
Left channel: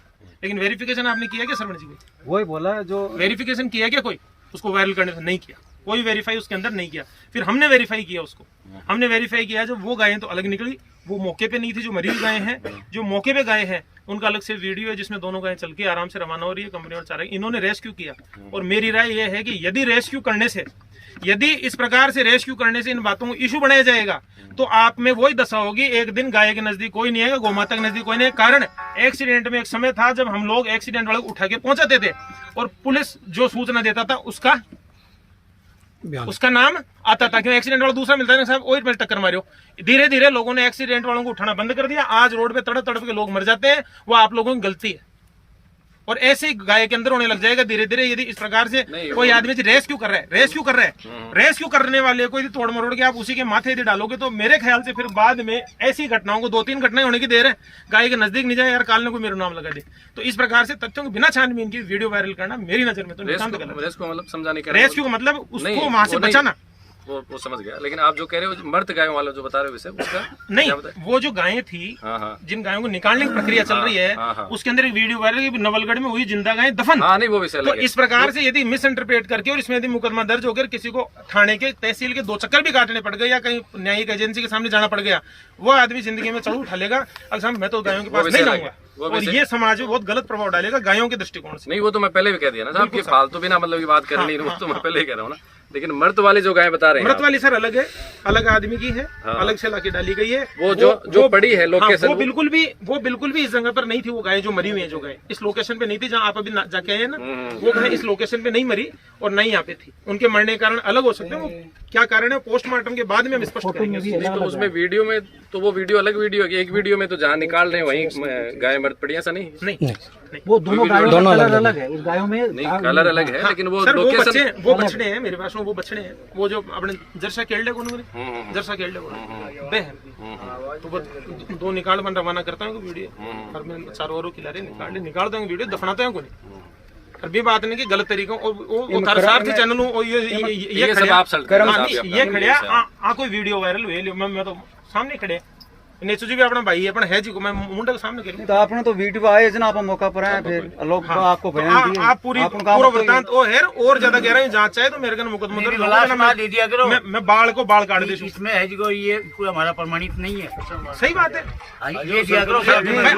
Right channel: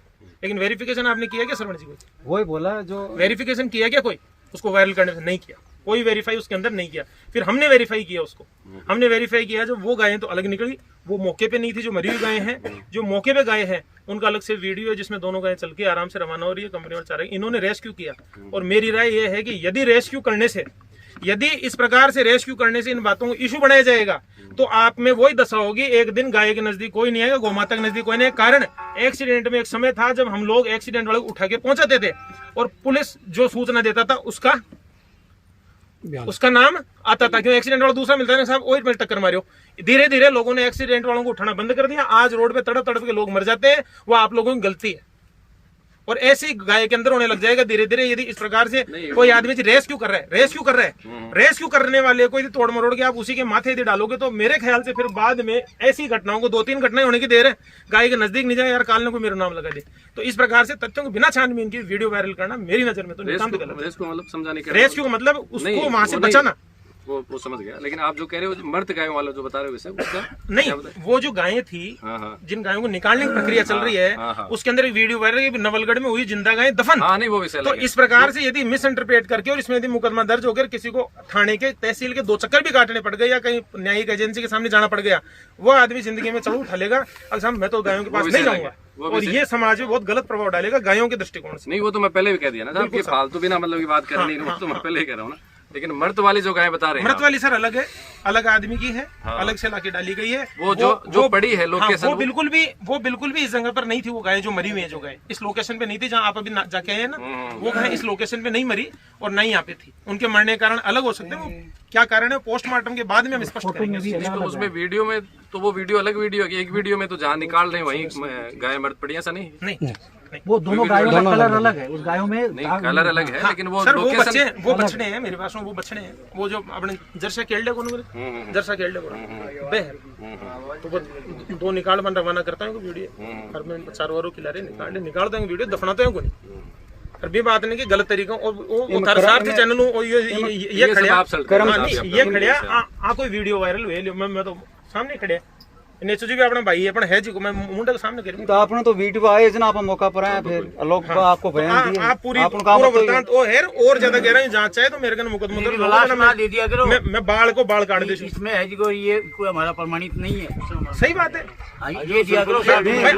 लेकिन वेरिफिकेशन आपने किया क्या सरवण जी? कोई वही बोला जो वेरिफिकेशन किया क्या कोई उसको वायरल करने से? नहीं किया, कोई वेरीफाई उसके अंदर नहीं किया। फिर हमने वेरीफाई किया उसको, हमने वेरीफाई किया, जो वो गायें तो अलग निकली, वो मौके पे नहीं थी। जो मरी हुई गायें हैं, जो मौके पे गायें हैं, उनका अलग से वीडियो है जिसमें दोनों गायें चल के आराम से रवाना हो रही है कंपनी और चारा। इन्होंने रेस्क्यू किया। और मेरी राय यह है कि यदि रेस्क्यू करने से, यदि इस प्रकार से रेस्क्यू करने से इन बातों को इशू बनाया जाएगा, तो आप में वही दशा होगी, एक दिन गाय के नजदीक कोई नहीं आएगा, गौमाता के नजदीक कोई नहीं। कारण एक्सीडेंट में एक समय था जब हम लोग एक्सीडेंट वाले उठा के पहुंचाते थे और पुलिस जो सूचना देता था उसका नाम आता था, क्यों एक्सीडेंट वाला दूसरा मिलता है ना साहब, वही में टक्कर मारियो। धीरे धीरे लोगों ने एक्सीडेंट वालों को उठाना बंद कर दिया। आज रोड पे तड़प तड़प के लोग मर जाते हैं, वो आप लोगों की गलती है। और ऐसी गाय के अंदर होने लग जाएगा धीरे धीरे, यदि इस प्रकार से कोई आदमी रेस्क्यू कर रहा है, रेस्क्यू करने वाले को यदि तोड़ मरोड़ के आप उसी के माथे यदि डालोगे, तो मेरे ख्याल से फिर बाद में ऐसी घटनाओं को 2-3 घटनाएं होने की देर है। गाय के नजदीक नहीं जाए यार, काल ने कोई मेरा नाम लगा दे। तो इस प्रकार से तथ्यों को बिना छानबीन की वीडियो वायरल करना मेरी नजर में तो नितांत गलत है। रेस्क्यू का मतलब उसको वहां से बचाना, वो समझ गया। लेकिन आप जो कह रहे हो मर्द गायों वाला जो बता रहे हो विषय, उसका नहीं, वो जो गायें थी, जिन गायों को निकालने की प्रक्रिया चल रही है, उसके अंदर एक वीडियो वायरल, नवलगढ़ में हुई जिंदा गायें दफन। नहीं, वो विषय तो इस प्रकार से यदि मिस इंटरप्रेट करके और इसमें यदि मुकदमा दर्ज होकर किसी को थाने के, तहसील के 2 चक्कर भी काटने पड़ गए या कहीं न्यायिक एजेंसी के सामने जाना पड़ गया, वो आदमी जिंदगी में चढ़ उठा लेगा, अब मैं तो गायों के पास नहीं जाऊंगा, और ये समाज में बहुत गलत प्रभाव डालेगा गायों के दृष्टिकोण से। नहीं, वो तो मैं पहले भी कह दिया ना साहब कि फालतू बिना मतलब की बात करनी, तो मैं पहले ही कह रहा हूँ ना। लेकिन मर्द वाली जो गायें बता रहे हैं, मर्द वाली सर अलग है, अलग आदमी की है, अलग से लाके डाली गई है। वो जो पड़ी है लोकेशन, वो बिल्कुल भी इस जगह पर नहीं थी। वो गाय जो मरी हुई है, जो गाय इस लोकेशन पे नहीं थी जहाँ आप अभी जाके आए ना, वो गाय इस लोकेशन पे नहीं मरी और नहीं यहाँ पे थी। उनके मरने के कारण अलग हो सकते हैं, वो क्या कारण है पोस्टमार्टम के बाद में हम स्पष्ट करेंगे। तो उसमें वीडियो में तो वो वीडियो अलग वीडियो है, एक वीडियो में तो जहाँ निकाल रहे हैं वहीं गाय मर्द पड़ी, ऐसा नहीं। वो दोनों गायों का कलर अलग है, उस गायों में नहीं कलर अलग है, लेकिन वो लोकेशन, वो बछड़े हैं मेरे पास में, वो बछड़े हैं, वो जो अपने जर्सा केल्डे को जर्सा केल्डे को तो वो 2 निकाल बन रवाना करता हूँ वीडियो, और मैं 4 वारों खिला रहे निकालते हैं वीडियो, दफनाते हैं को नहीं। और भी बात नहीं कि गलत तरीकों और चैनल ये खड़िया कोई वीडियो वायरल हुए, मैं तो सामने खड़े नेचू जी भी अपना भाई अपना है जी को मैं मुंडा के सामने कह रहा हूं। तो आपने तो वीडियो आए जना आप मौका पर आए, फिर लोग आपको बयान दिए, आप पूरा वृत्तांत ओ है और ज्यादा कह रहा हूं, जांच चाहे तो मेरे कन मुकदमा दर्ज होगा ना, मैं बाल को बाल काट दे दूं। इसमें है जी को ये पूरा हमारा प्रमाणित नहीं है। सही बात है, ये दिया करो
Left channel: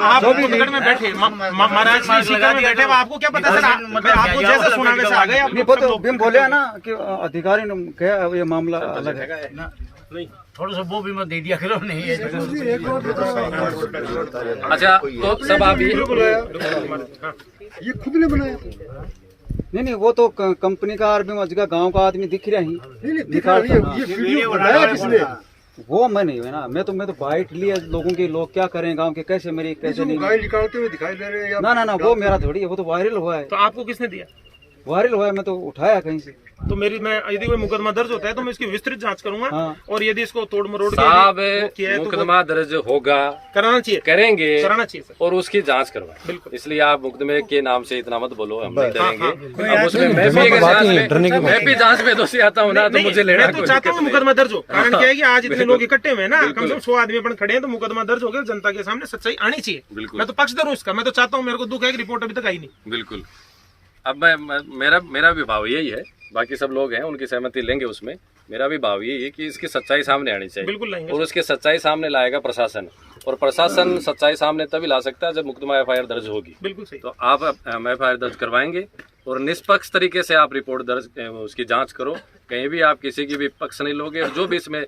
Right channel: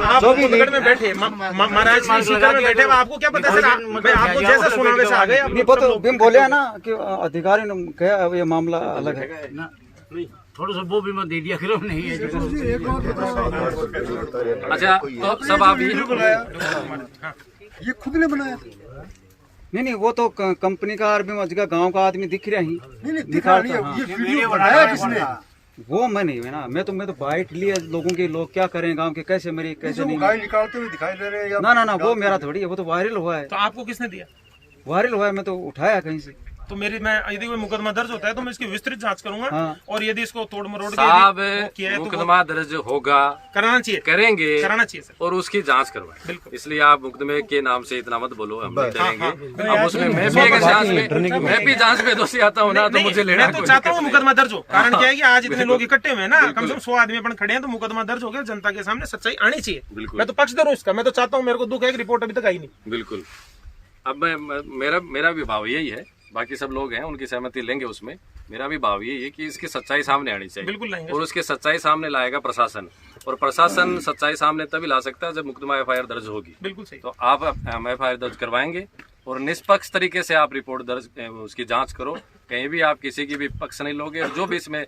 आप मुंडगढ़ में बैठे, महाराज की सीकर में बैठे, आपको क्या पता सर, आपको जैसा सुना वैसा आ गए। आप बोले ना कि अधिकारी ने कहा ये मामला अलग है, नहीं थोड़ा सा वो भी मत दे दिया करो। नहीं है अच्छा, तो सब आप ये खुद ने बनाया? नहीं, वो तो कंपनी का आदमी का गांव का आदमी दिख रहा ही, ये वीडियो बनाया किसने? वो मैं नहीं है ना, मैं तो बाइट लिया लोगों के, लोग क्या करें गांव के, कैसे मेरी कैसे नहीं गाय निकालते हुए दिखाई दे रहे हैं। ना वो मेरा थोड़ी है, वो तो वायरल हुआ है। तो आपको किसने दिया? वायरल हुआ है, मैं तो उठाया कहीं से। तो मैं यदि कोई मुकदमा दर्ज होता है तो मैं इसकी विस्तृत जांच करूंगा। और यदि इसको तोड़ मरोड़ साहब मुकदमा दर्ज होगा, कराना चाहिए, करेंगे, कराना चाहिए सर, और उसकी जांच करवाएं। बिल्कुल, इसलिए आप मुकदमे के नाम से इतना मत बोलो, हम नहीं डरेंगे। अब उसमें मैं भी अगर जांच में मैं भी जांच में दोषी आता हूँ ना, तो मुझे लेना तो चाहता हूँ मुकदमा दर्ज हो। कारण क्या है कि आज इतने लोग इकट्ठे हुए ना, कम से कम 100 आदमी अपन खड़े हैं, तो मुकदमा दर्ज हो गया, जनता के सामने सच्चाई आनी चाहिए। मैं तो पक्षधर हूँ इसका, मैं तो चाहता हूँ, मेरे को दुख है कि रिपोर्ट अभी तक आई नहीं। बिल्कुल, अब मेरा भी भाव यही है, बाकी सब लोग हैं उनकी सहमति लेंगे उसमें। मेरा भी भाव यही है कि इसकी सच्चाई सामने आनी चाहिए, बिल्कुल लाएंगे, और उसकी सच्चाई सामने लाएगा प्रशासन। और प्रशासन सच्चाई सामने तभी ला सकता है जब मुकदमा FIR दर्ज होगी। बिल्कुल सही। तो आप FIR दर्ज करवाएंगे और निष्पक्ष तरीके से आप रिपोर्ट दर्ज उसकी जांच करो, कहीं भी आप किसी की भी पक्ष नहीं लोगे, और जो भी इसमें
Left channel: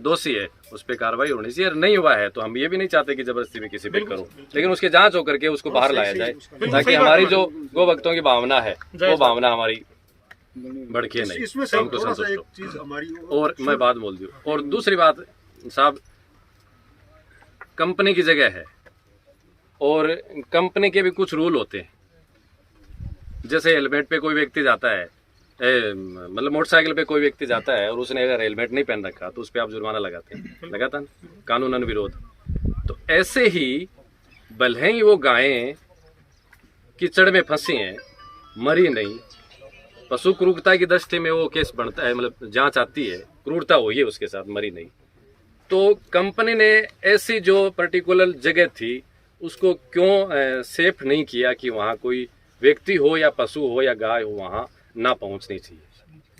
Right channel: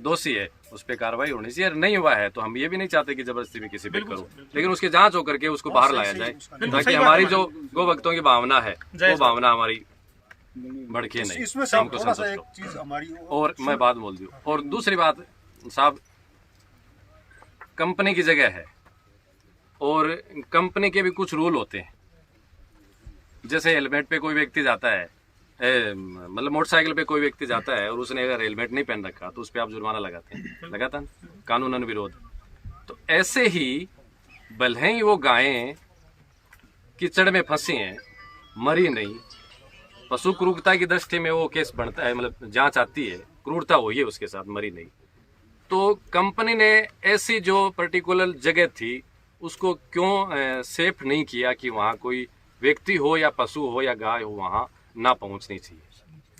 दोषी है उस पर कार्रवाई होनी चाहिए। नहीं हुआ है तो हम ये भी नहीं चाहते कि जबरदस्ती भी किसी पे करो, लेकिन उसकी जांच होकर के उसको बाहर लाया जाए, ताकि हमारी जो गो भक्तों की भावना है वो भावना हमारी भड़के नहीं, हमको संतुष्ट हो। और मैं बात बोल दूं, और दूसरी बात साहब, कंपनी की जगह है और कंपनी के भी कुछ रूल होते हैं। जैसे हेलमेट पे कोई व्यक्ति जाता है, मतलब मोटरसाइकिल पे कोई व्यक्ति जाता है और उसने अगर हेलमेट नहीं पहन रखा तो उस पर आप जुर्माना लगाते हैं, लगाता ना, कानूनन विरोध। तो ऐसे ही भले ही वो गायें कीचड़ में फंसी हैं, मरी नहीं, पशु क्रूरता की दृष्टि में वो केस बनता है, मतलब जांच आती है, क्रूरता हुई है उसके साथ, मरी नहीं, तो कंपनी ने ऐसी जो पर्टिकुलर जगह थी उसको क्यों सेफ नहीं किया कि वहाँ कोई व्यक्ति हो या पशु हो या गाय हो वहाँ ना पहुँचनी चाहिए,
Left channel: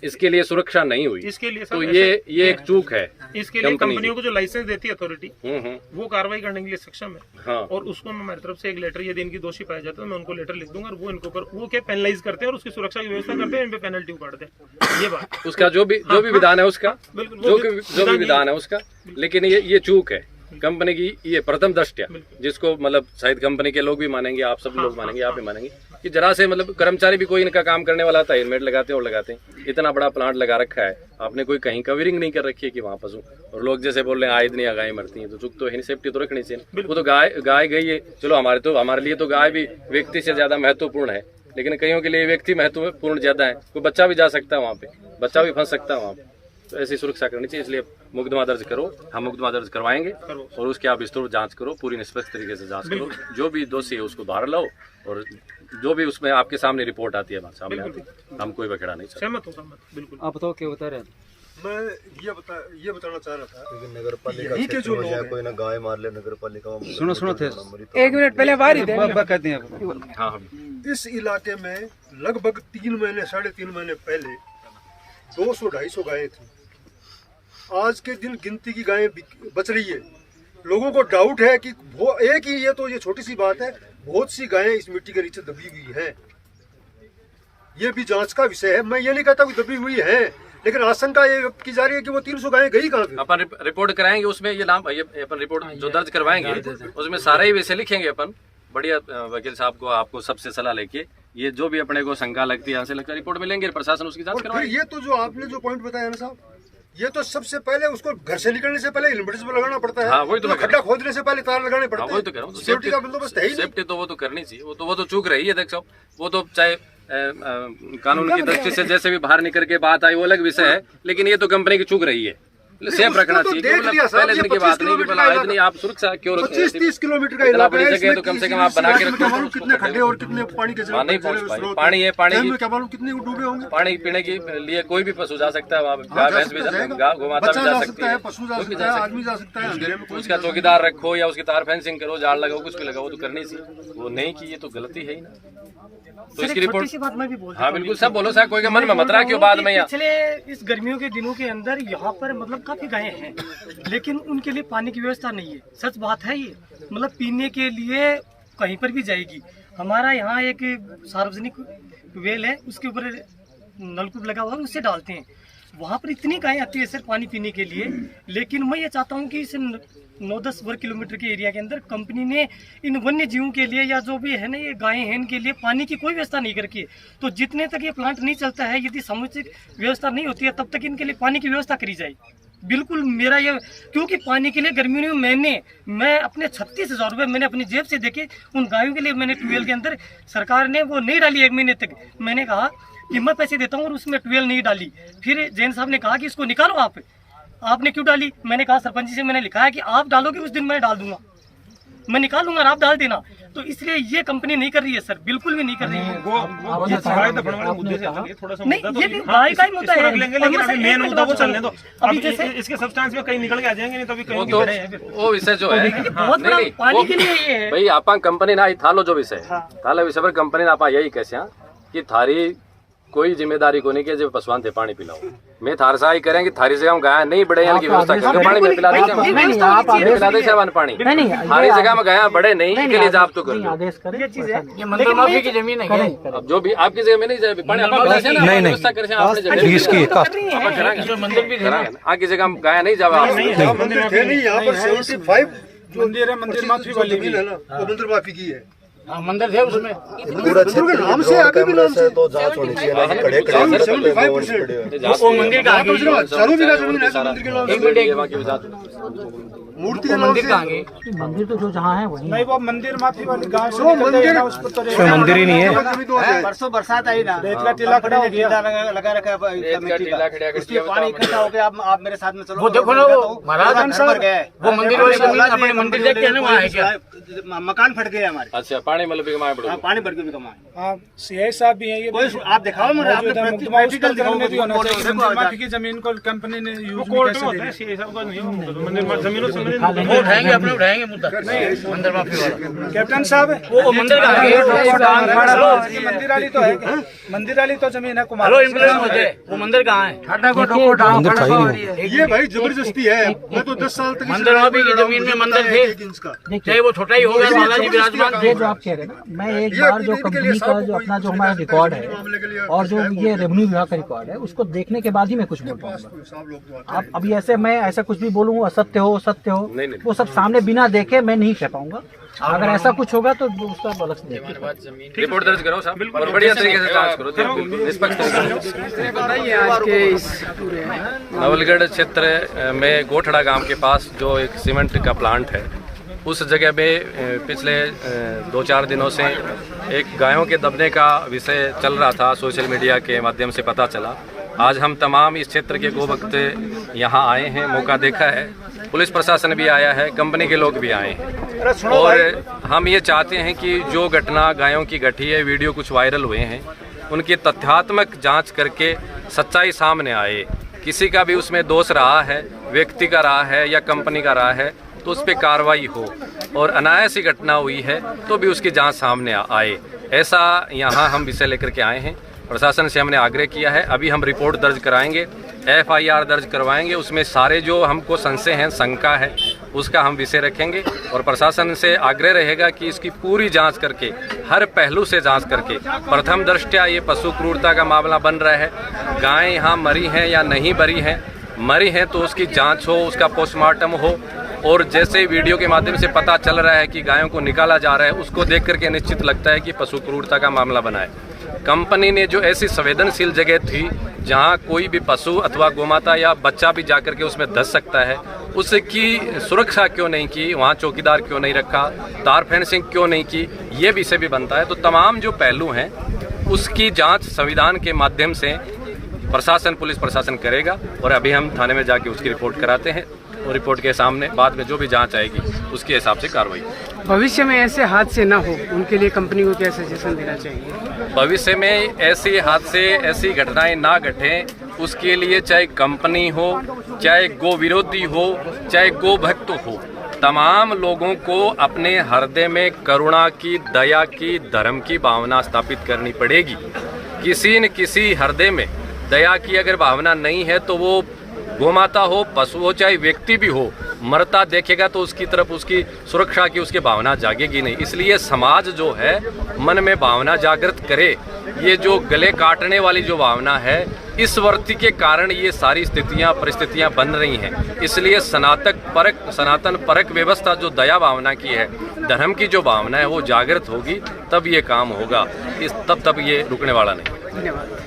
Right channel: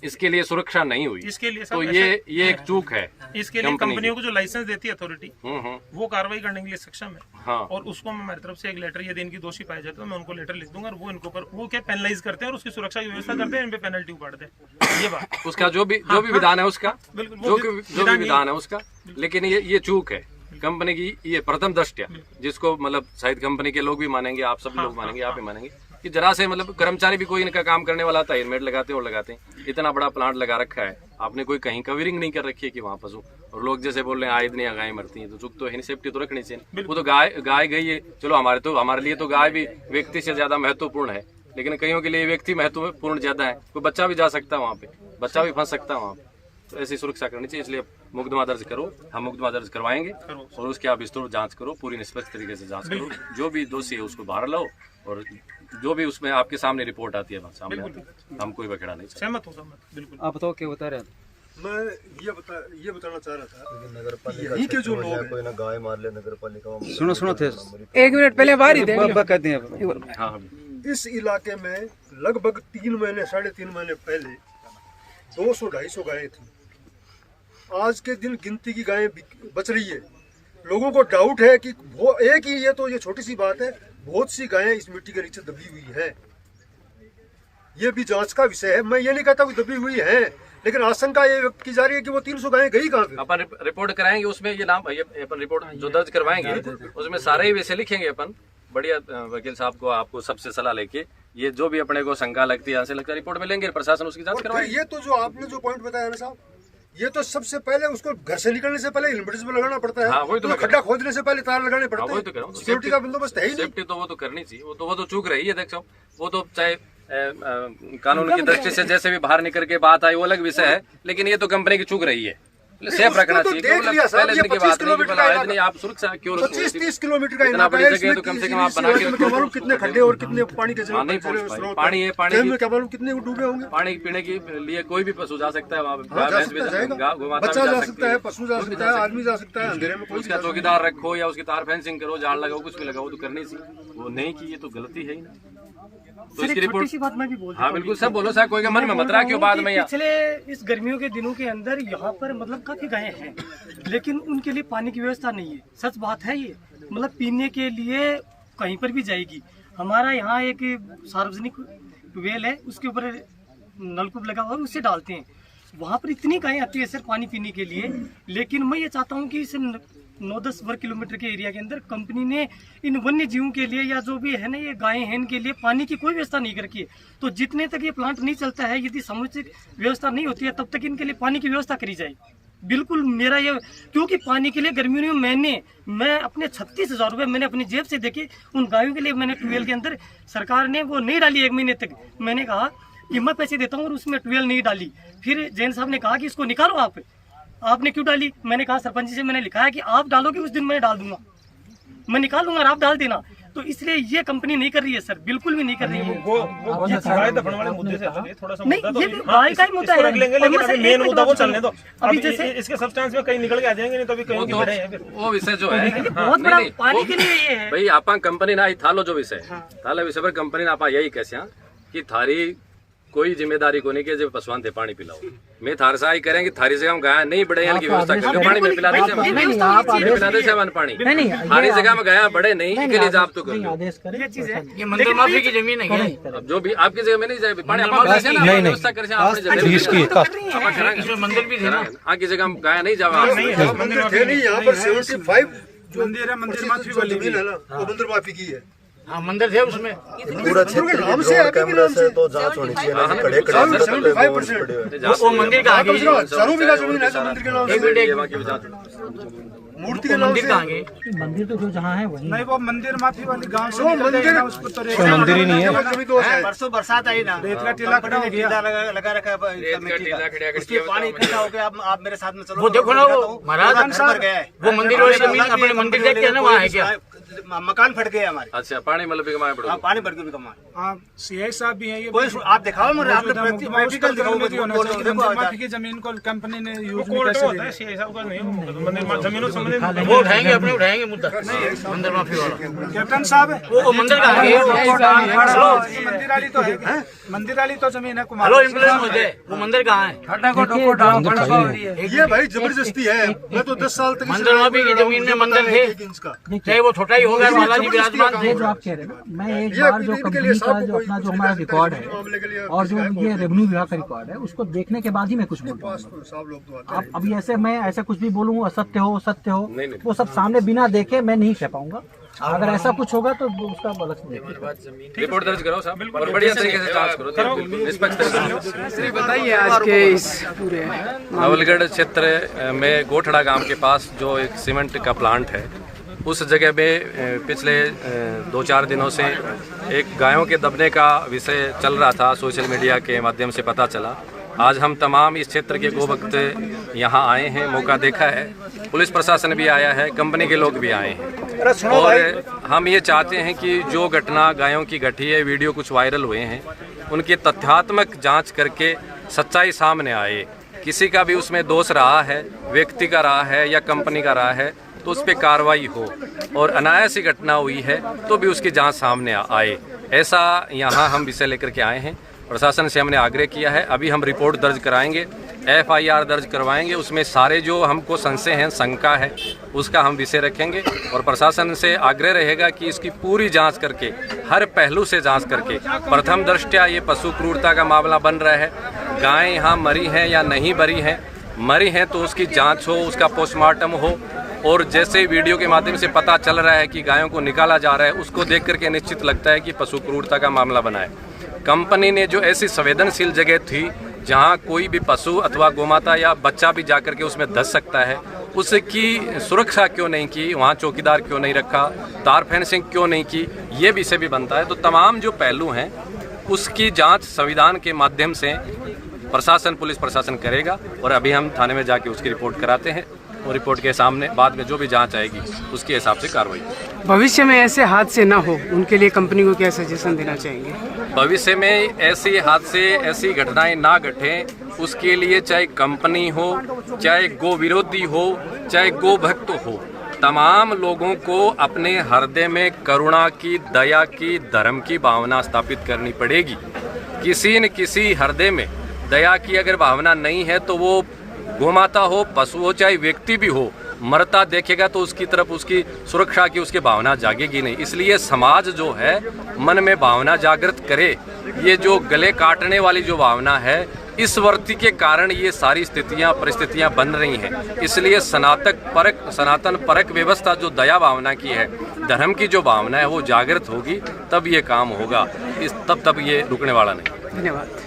इसके लिए सुरक्षा नहीं हुई। इसके लिए तो ये एक चूक है। इसके लिए कंपनियों को जो लाइसेंस देती है अथॉरिटी, वो कार्रवाई करने के लिए सक्षम है। हाँ। और उसको मैं हमारी तरफ से एक लेटर, यदि इनकी दोषी पाया जाता है मैं उनको लेटर लिख दूंगा और वो इनको वो क्या पेनलाइज करते हैं और उसकी सुरक्षा की व्यवस्था करते हैं, इन पे पेनल्टी उपाड़ते हैं। ये बात उसका जो भी विधान है उसका, जो भी विधान है उसका, लेकिन ये चूक है कंपनी की, ये प्रथम दृष्टया, जिसको मतलब शायद कंपनी के लोग भी मानेंगे, आप सब लोग मानेंगे, आप भी मानेंगे कि जरा से मतलब कर्मचारी भी कोई इनका काम करने वाला था, हेलमेट लगाते और लगाते हैं। इतना बड़ा प्लांट लगा रखा है, आपने कोई कहीं कवरिंग नहीं कर रखी है कि वहाँ पशु, और लोग जैसे बोल रहे हैं आए दिन या गाय मरती हैं, तो चुप तो है नहीं, सेफ्टी तो रखनी चाहिए। वो तो गाय गई है, चलो हमारे लिए तो गाय भी व्यक्ति से ज्यादा महत्वपूर्ण है, लेकिन कईयों के लिए व्यक्ति महत्वपूर्ण ज्यादा है। कोई बच्चा भी जा सकता है वहाँ पे, बच्चा भी फंस सकता है वहाँ पे, तो ऐसी सुरक्षा करनी चाहिए। इसलिए मुकदमा दर्ज करो, हम मुकदमा दर्ज करवाएंगे और उसकी आप विस्तृत जांच करो, पूरी निष्पक्ष तरीके से जांच करो, जो भी दोषी है उसको बाहर लाओ, और जो भी उसमें आपके सामने रिपोर्ट आती है सामने आती है, हम कोई बखेड़ा नहीं चाहते। सहमत हूं, बिल्कुल। आप बताओ क्या बता रहे हैं? मैं ये बताना चाह रहा था, नगर पालिका के जो लोग कोई ना गाय मार ले, नगर पालिका सुनो थे, एक मिनट पहले बाहर ही कहते हैं। इस इलाके में लगभग 3 महीने 3.5 महीने पहले 200-250 गायें थी। आज के दिन गिनती की गायें बच रही है। लोगों को डाउट है कि वो एक ही, ये छोटी सी बात है, बहुत सी गायें इस मिट्टी के नीचे दबी हुई हैं। ये भी जांच का विषय है। मैं ये नहीं कहता कि दबी हुई है, लेकिन आशंका ये व्यक्त की जा रही है कि वो 300 गायें गई कहाँ पे। अपन रिपोर्ट कराएंगे, उसमें ये नाम अपन रिपोर्ट जो दर्ज करवाएंगे उसमें सारे ही विषय लिखेंगे अपन। बढ़िया वकील साहब को, आपको सबसे सलाह लेके, ये जो भी अपने को शंका लगती है, यहाँ से लगता है, रिपोर्ट में लेंगे, प्रशासन उसकी जांच करवाएगी। ये तो जो आपने जो पॉइंट बताया ना साहब, ये तो सबसे पहले उसको घर से निकलने से पहले हेलमेट पे लगाना पड़ता है। हाँ, तो खड्डा खोदने से पहले तार लगाने पड़ते हैं। तो सिक्योरिटी का बंदोबस्त है ही नहीं। सेफ्टी तो वो तो करनी चाहिए, वो तो चूक रही है। देखो वो तो चाहे कानून की दृष्टि से जैसे भी बाहर निकल के बात आई वो अलग विषय है, लेकिन ये तो कंपनी की चूक रही है। सेफ रखना चाहिए, पहले दिन की बात नहीं कि बोला आज नहीं, आप सुरक्षा क्यों रखते हैं? 25-30 किलोमीटर का इतना बड़ी जगह है तो कम से कम आप बना के रखो। कितने खड्डे और कितने पानी के पानी है, पानी में क्या मालूम कितने डूबे होंगे। पानी पीने के लिए कोई भी पशु जा सकता है वहाँ पे, बच्चा जा सकता है, पशु जा सकता है, आदमी जा सकता है, अंधेरे में उसका चौकीदार रखो या उसकी तार फेंसिंग करो, झाड़ लगाओ, कुछ भी लगाओ, तो करनी चाहिए। वो नहीं की, ये तो गलती है ही ना। तो इसकी रिपोर्ट सी बात मैं भी बोल, हाँ बिल्कुल सब बोलो, कोई का मन में मत रहा क्यों बाद में। पिछले इस गर्मियों के दिनों के अंदर यहाँ पर मतलब काफी गायें हैं, लेकिन उनके लिए पानी की व्यवस्था नहीं है। सच बात है ये, मतलब पीने के लिए कहीं पर भी जाएगी। हमारा यहाँ एक सार्वजनिक वेल है, उसके ऊपर नलकूप लगा हुआ है, उससे डालते हैं। वहाँ पर इतनी गायें आती है सिर्फ पानी पीने के लिए। लेकिन मैं ये चाहता हूँ कि इस 9-10 वर्ग किलोमीटर के एरिया के अंदर कंपनी ने इन वन्य जीवों के लिए या जो भी है ना ये गायें हैं इनके लिए पानी की कोई व्यवस्था नहीं कर रखी है। तो जितने तक ये प्लांट नहीं चलता है, यदि समुचित व्यवस्था नहीं होती है, तब तक इनके लिए पानी की व्यवस्था करी जाए। बिल्कुल मेरा ये, क्योंकि पानी के लिए गर्मियों में मैं अपने 36,000 रुपये मैंने अपनी जेब से देखे उन गायों के लिए। मैंने ट्यूबवेल के अंदर, सरकार ने वो नहीं डाली 1 महीने तक। मैंने कहा कि मैं पैसे देता हूँ और उसमें ट्यूबवेल नहीं डाली। फिर जैन साहब ने कहा कि इसको निकालो आपने क्यों डाली? मैंने कहा सरपंच जी से मैंने लिखा है कि आप डालोगे उस दिन मैं डाल दूंगा, मैं निकाल दूंगा और आप डाल देना। तो इसलिए ये कंपनी नहीं कर रही है सर, बिल्कुल भी नहीं कर रही है। ये सफाई दफन वाले मुद्दे से अलग है, थोड़ा सा नहीं, ये भी गाय का ही मुद्दा है, लेकिन मेन मुद्दा वो चलने दो। अभी जैसे इसके सब्सटेंस में कहीं निकल के आ जाएंगे, नहीं तो अभी कहीं खड़े हैं। वो विषय जो है बहुत बड़ा पानी के लिए ये है भाई। आप कंपनी ना थालो जो विषय थाला विषय पर कंपनी ना आप यही कैसे कि थारी कोई जिम्मेदारी को नहीं कि जब पशुआन थे पानी पिलाओ। मैं थार सहाय करेंगे थारी जगह में गाया नहीं बड़े की व्यवस्था करेंगे पानी में पिला दे सेवन पानी थारी जगह में गाया बड़े नहीं के लिए आप तो करो आदेश करें ये मंदिर माफी की जमीन है अब जो भी आपकी जगह में नहीं जाए पानी आप व्यवस्था करें आपने जगह मंदिर भी आपकी जगह में गाया नहीं जावा मंदिर है, मंदिर माफी वाली भी है ना, वो मंदिर माफी की है। मंदिर थे उसमें पूरा क्षेत्र नाम से आगे भी नाम से तो जांच होनी चाहिए ना, खड़े खड़े वो मंदिर का मूर्ति के नाम से मंदिर तो जो जहाँ है वही नहीं, वो मंदिर माफी वाली गांव से निकलते हैं ना, उसको तो मंदिर ही नहीं है। परसों बरसात आई ना, रेत का टीला खड़ा हो गया, लगा रखा है उसमें पानी इकट्ठा हो गया। आप मेरे साथ में चलो, वो देखो ना, वो महाराज वो मंदिर वाली जमीन अपने मंदिर देखते हैं ना, वहाँ है क्या मकान फट गए हमारे। अच्छा, पानी मतलब पानी भर के भी कमा। हाँ, सीआई साहब भी हैं, ये आप दिखाओ मुझे, मुकदमा उस प्रकरण में भी होना चाहिए। मंदिर माफी की जमीन को कंपनी ने यूज में कैसे ले सीआई साहब का नहीं, मंदिर जमीन वो उठाएंगे, अपने उठाएंगे मुद्दा मंदिर माफी वाला। कैप्टन साहब वो मंदिर का मंदिर वाली तो है, मंदिर वाली तो जमीन है कुमार, वो मंदिर कहाँ है? ये भाई जबरदस्ती है। मैं तो 10 साल तक मंदिर माफी की जमीन में मंदिर थे, चाहे वो छोटा ही होगा, बालाजी विराजमान थे। जो आप कह रहे हैं ना, मैं एक बार जो कंपनी का जो अपना जो हमारा रिकॉर्ड है और जो ये रेवेन्यू विभाग का रिकॉर्ड है, उसको देखने के बाद ही मैं कुछ बोल पाऊंगा। आप अभी ऐसे मैं ऐसा कुछ भी बोलूँ असत्य हो सत्य हो, वो सब सामने बिना देखे मैं नहीं कह पाऊंगा। अगर ऐसा कुछ होगा तो उसका अलग से रिपोर्ट दर्ज करो साहब और बढ़िया तरीके से जांच करो, बिल्कुल निष्पक्ष तरीके से। बताइए आज के इस पूरे नवलगढ़ क्षेत्र में गोठड़ा गांव के पास जो एक सीमेंट का प्लांट है, उस जगह में पिछले 2-4 दिनों से एक गायों के दबने का विषय चल रहा था, सोशल मीडिया के माध्यम से पता चला। आज हम तमाम इस क्षेत्र के गोभक्त यहाँ आए हैं, मौका देखा है, पुलिस प्रशासन भी आया है, कंपनी के लोग भी आए हैं और हम ये चाहते हैं कि जो घटना गायों की घटी है, वीडियो कुछ वायरल हुए हैं, उनकी तथ्यात्मक जांच करके सच्चाई सामने आए। किसी का भी उसमें दोष रहा है, व्यक्ति का रहा है या कंपनी का रहा है, तो उस पर कार्रवाई हो और अनायास ही घटना हुई है तो भी उसकी जांच सामने आए। ऐसा यहाँ हम विषय लेकर के आए हैं। प्रशासन से हमने आग्रह किया है, अभी हम रिपोर्ट दर्ज कराएंगे, FIR दर्ज करवाएंगे, उसमें सारे जो हमको संशय हैं, शंका है, उसका हम विषय रखेंगे और प्रशासन से आग्रह रहेगा कि इसकी पूरी जांच करके, हर पहलू से जांच करके, प्रथम दृष्टया ये पशु क्रूरता का मामला बन रहा है, गायें यहाँ मरी हैं या नहीं मरी हैं तो उसकी जांच हो, उसका पोस्टमार्टम हो और जैसे वीडियो के माध्यम से पता चल रहा है कि गायों को निकाला जा रहा है, उसको देख करके निश्चित लगता है कि पशु क्रूरता का मामला बना है। कंपनी ने जो ऐसी संवेदनशील जगह थी जहां कोई भी पशु अथवा गोमाता या बच्चा भी जाकर के उसमें धंस सकता है, उसकी सुरक्षा क्यों नहीं की, वहां चौकीदार क्यों नहीं रखा, तार फेंसिंग क्यों नहीं की, ये विषय भी बनता है। तो तमाम जो पहलू हैं उसकी जांच संविधान के माध्यम से प्रशासन, पुलिस प्रशासन करेगा और अभी हम थाने में जाके उसकी रिपोर्ट कराते हैं और रिपोर्ट के सामने बाद में जो भी जांच आएगी उसके हिसाब से कार्रवाई। भविष्य में ऐसे हादसे ना हो, उनके लिए कंपनी को क्या सजेशन देना चाहिए? भविष्य में ऐसे हादसे, ऐसी घटनाएं ना घटें, उसके लिए चाहे कंपनी हो, चाहे गो विरोधी हो, चाहे गो भक्त हो, तमाम लोगों को अपने हृदय में करुणा की, दया की, धर्म की भावना स्थापित करनी पड़ेगी। किसी न किसी हृदय में दया की अगर भावना नहीं है तो वो गोमाता हो, पशु हो, चाहे व्यक्ति भी हो, मरता देखेगा तो उसकी तरफ उसकी सुरक्षा की उसकी भावना जागेगी नहीं। इसलिए समाज जो है मन में भावना जागृत करे। ये जो गले काटने वाली जो भावना है, इस वर्ती के कारण ये सारी परिस्थितियां बन रही हैं। इसलिए सनातन परक व्यवस्था जो दया भावना की है, धर्म की जो भावना है, वो जागृत होगी, तब ये काम होगा, तब ये रुकने वाला नहीं। धन्यवाद।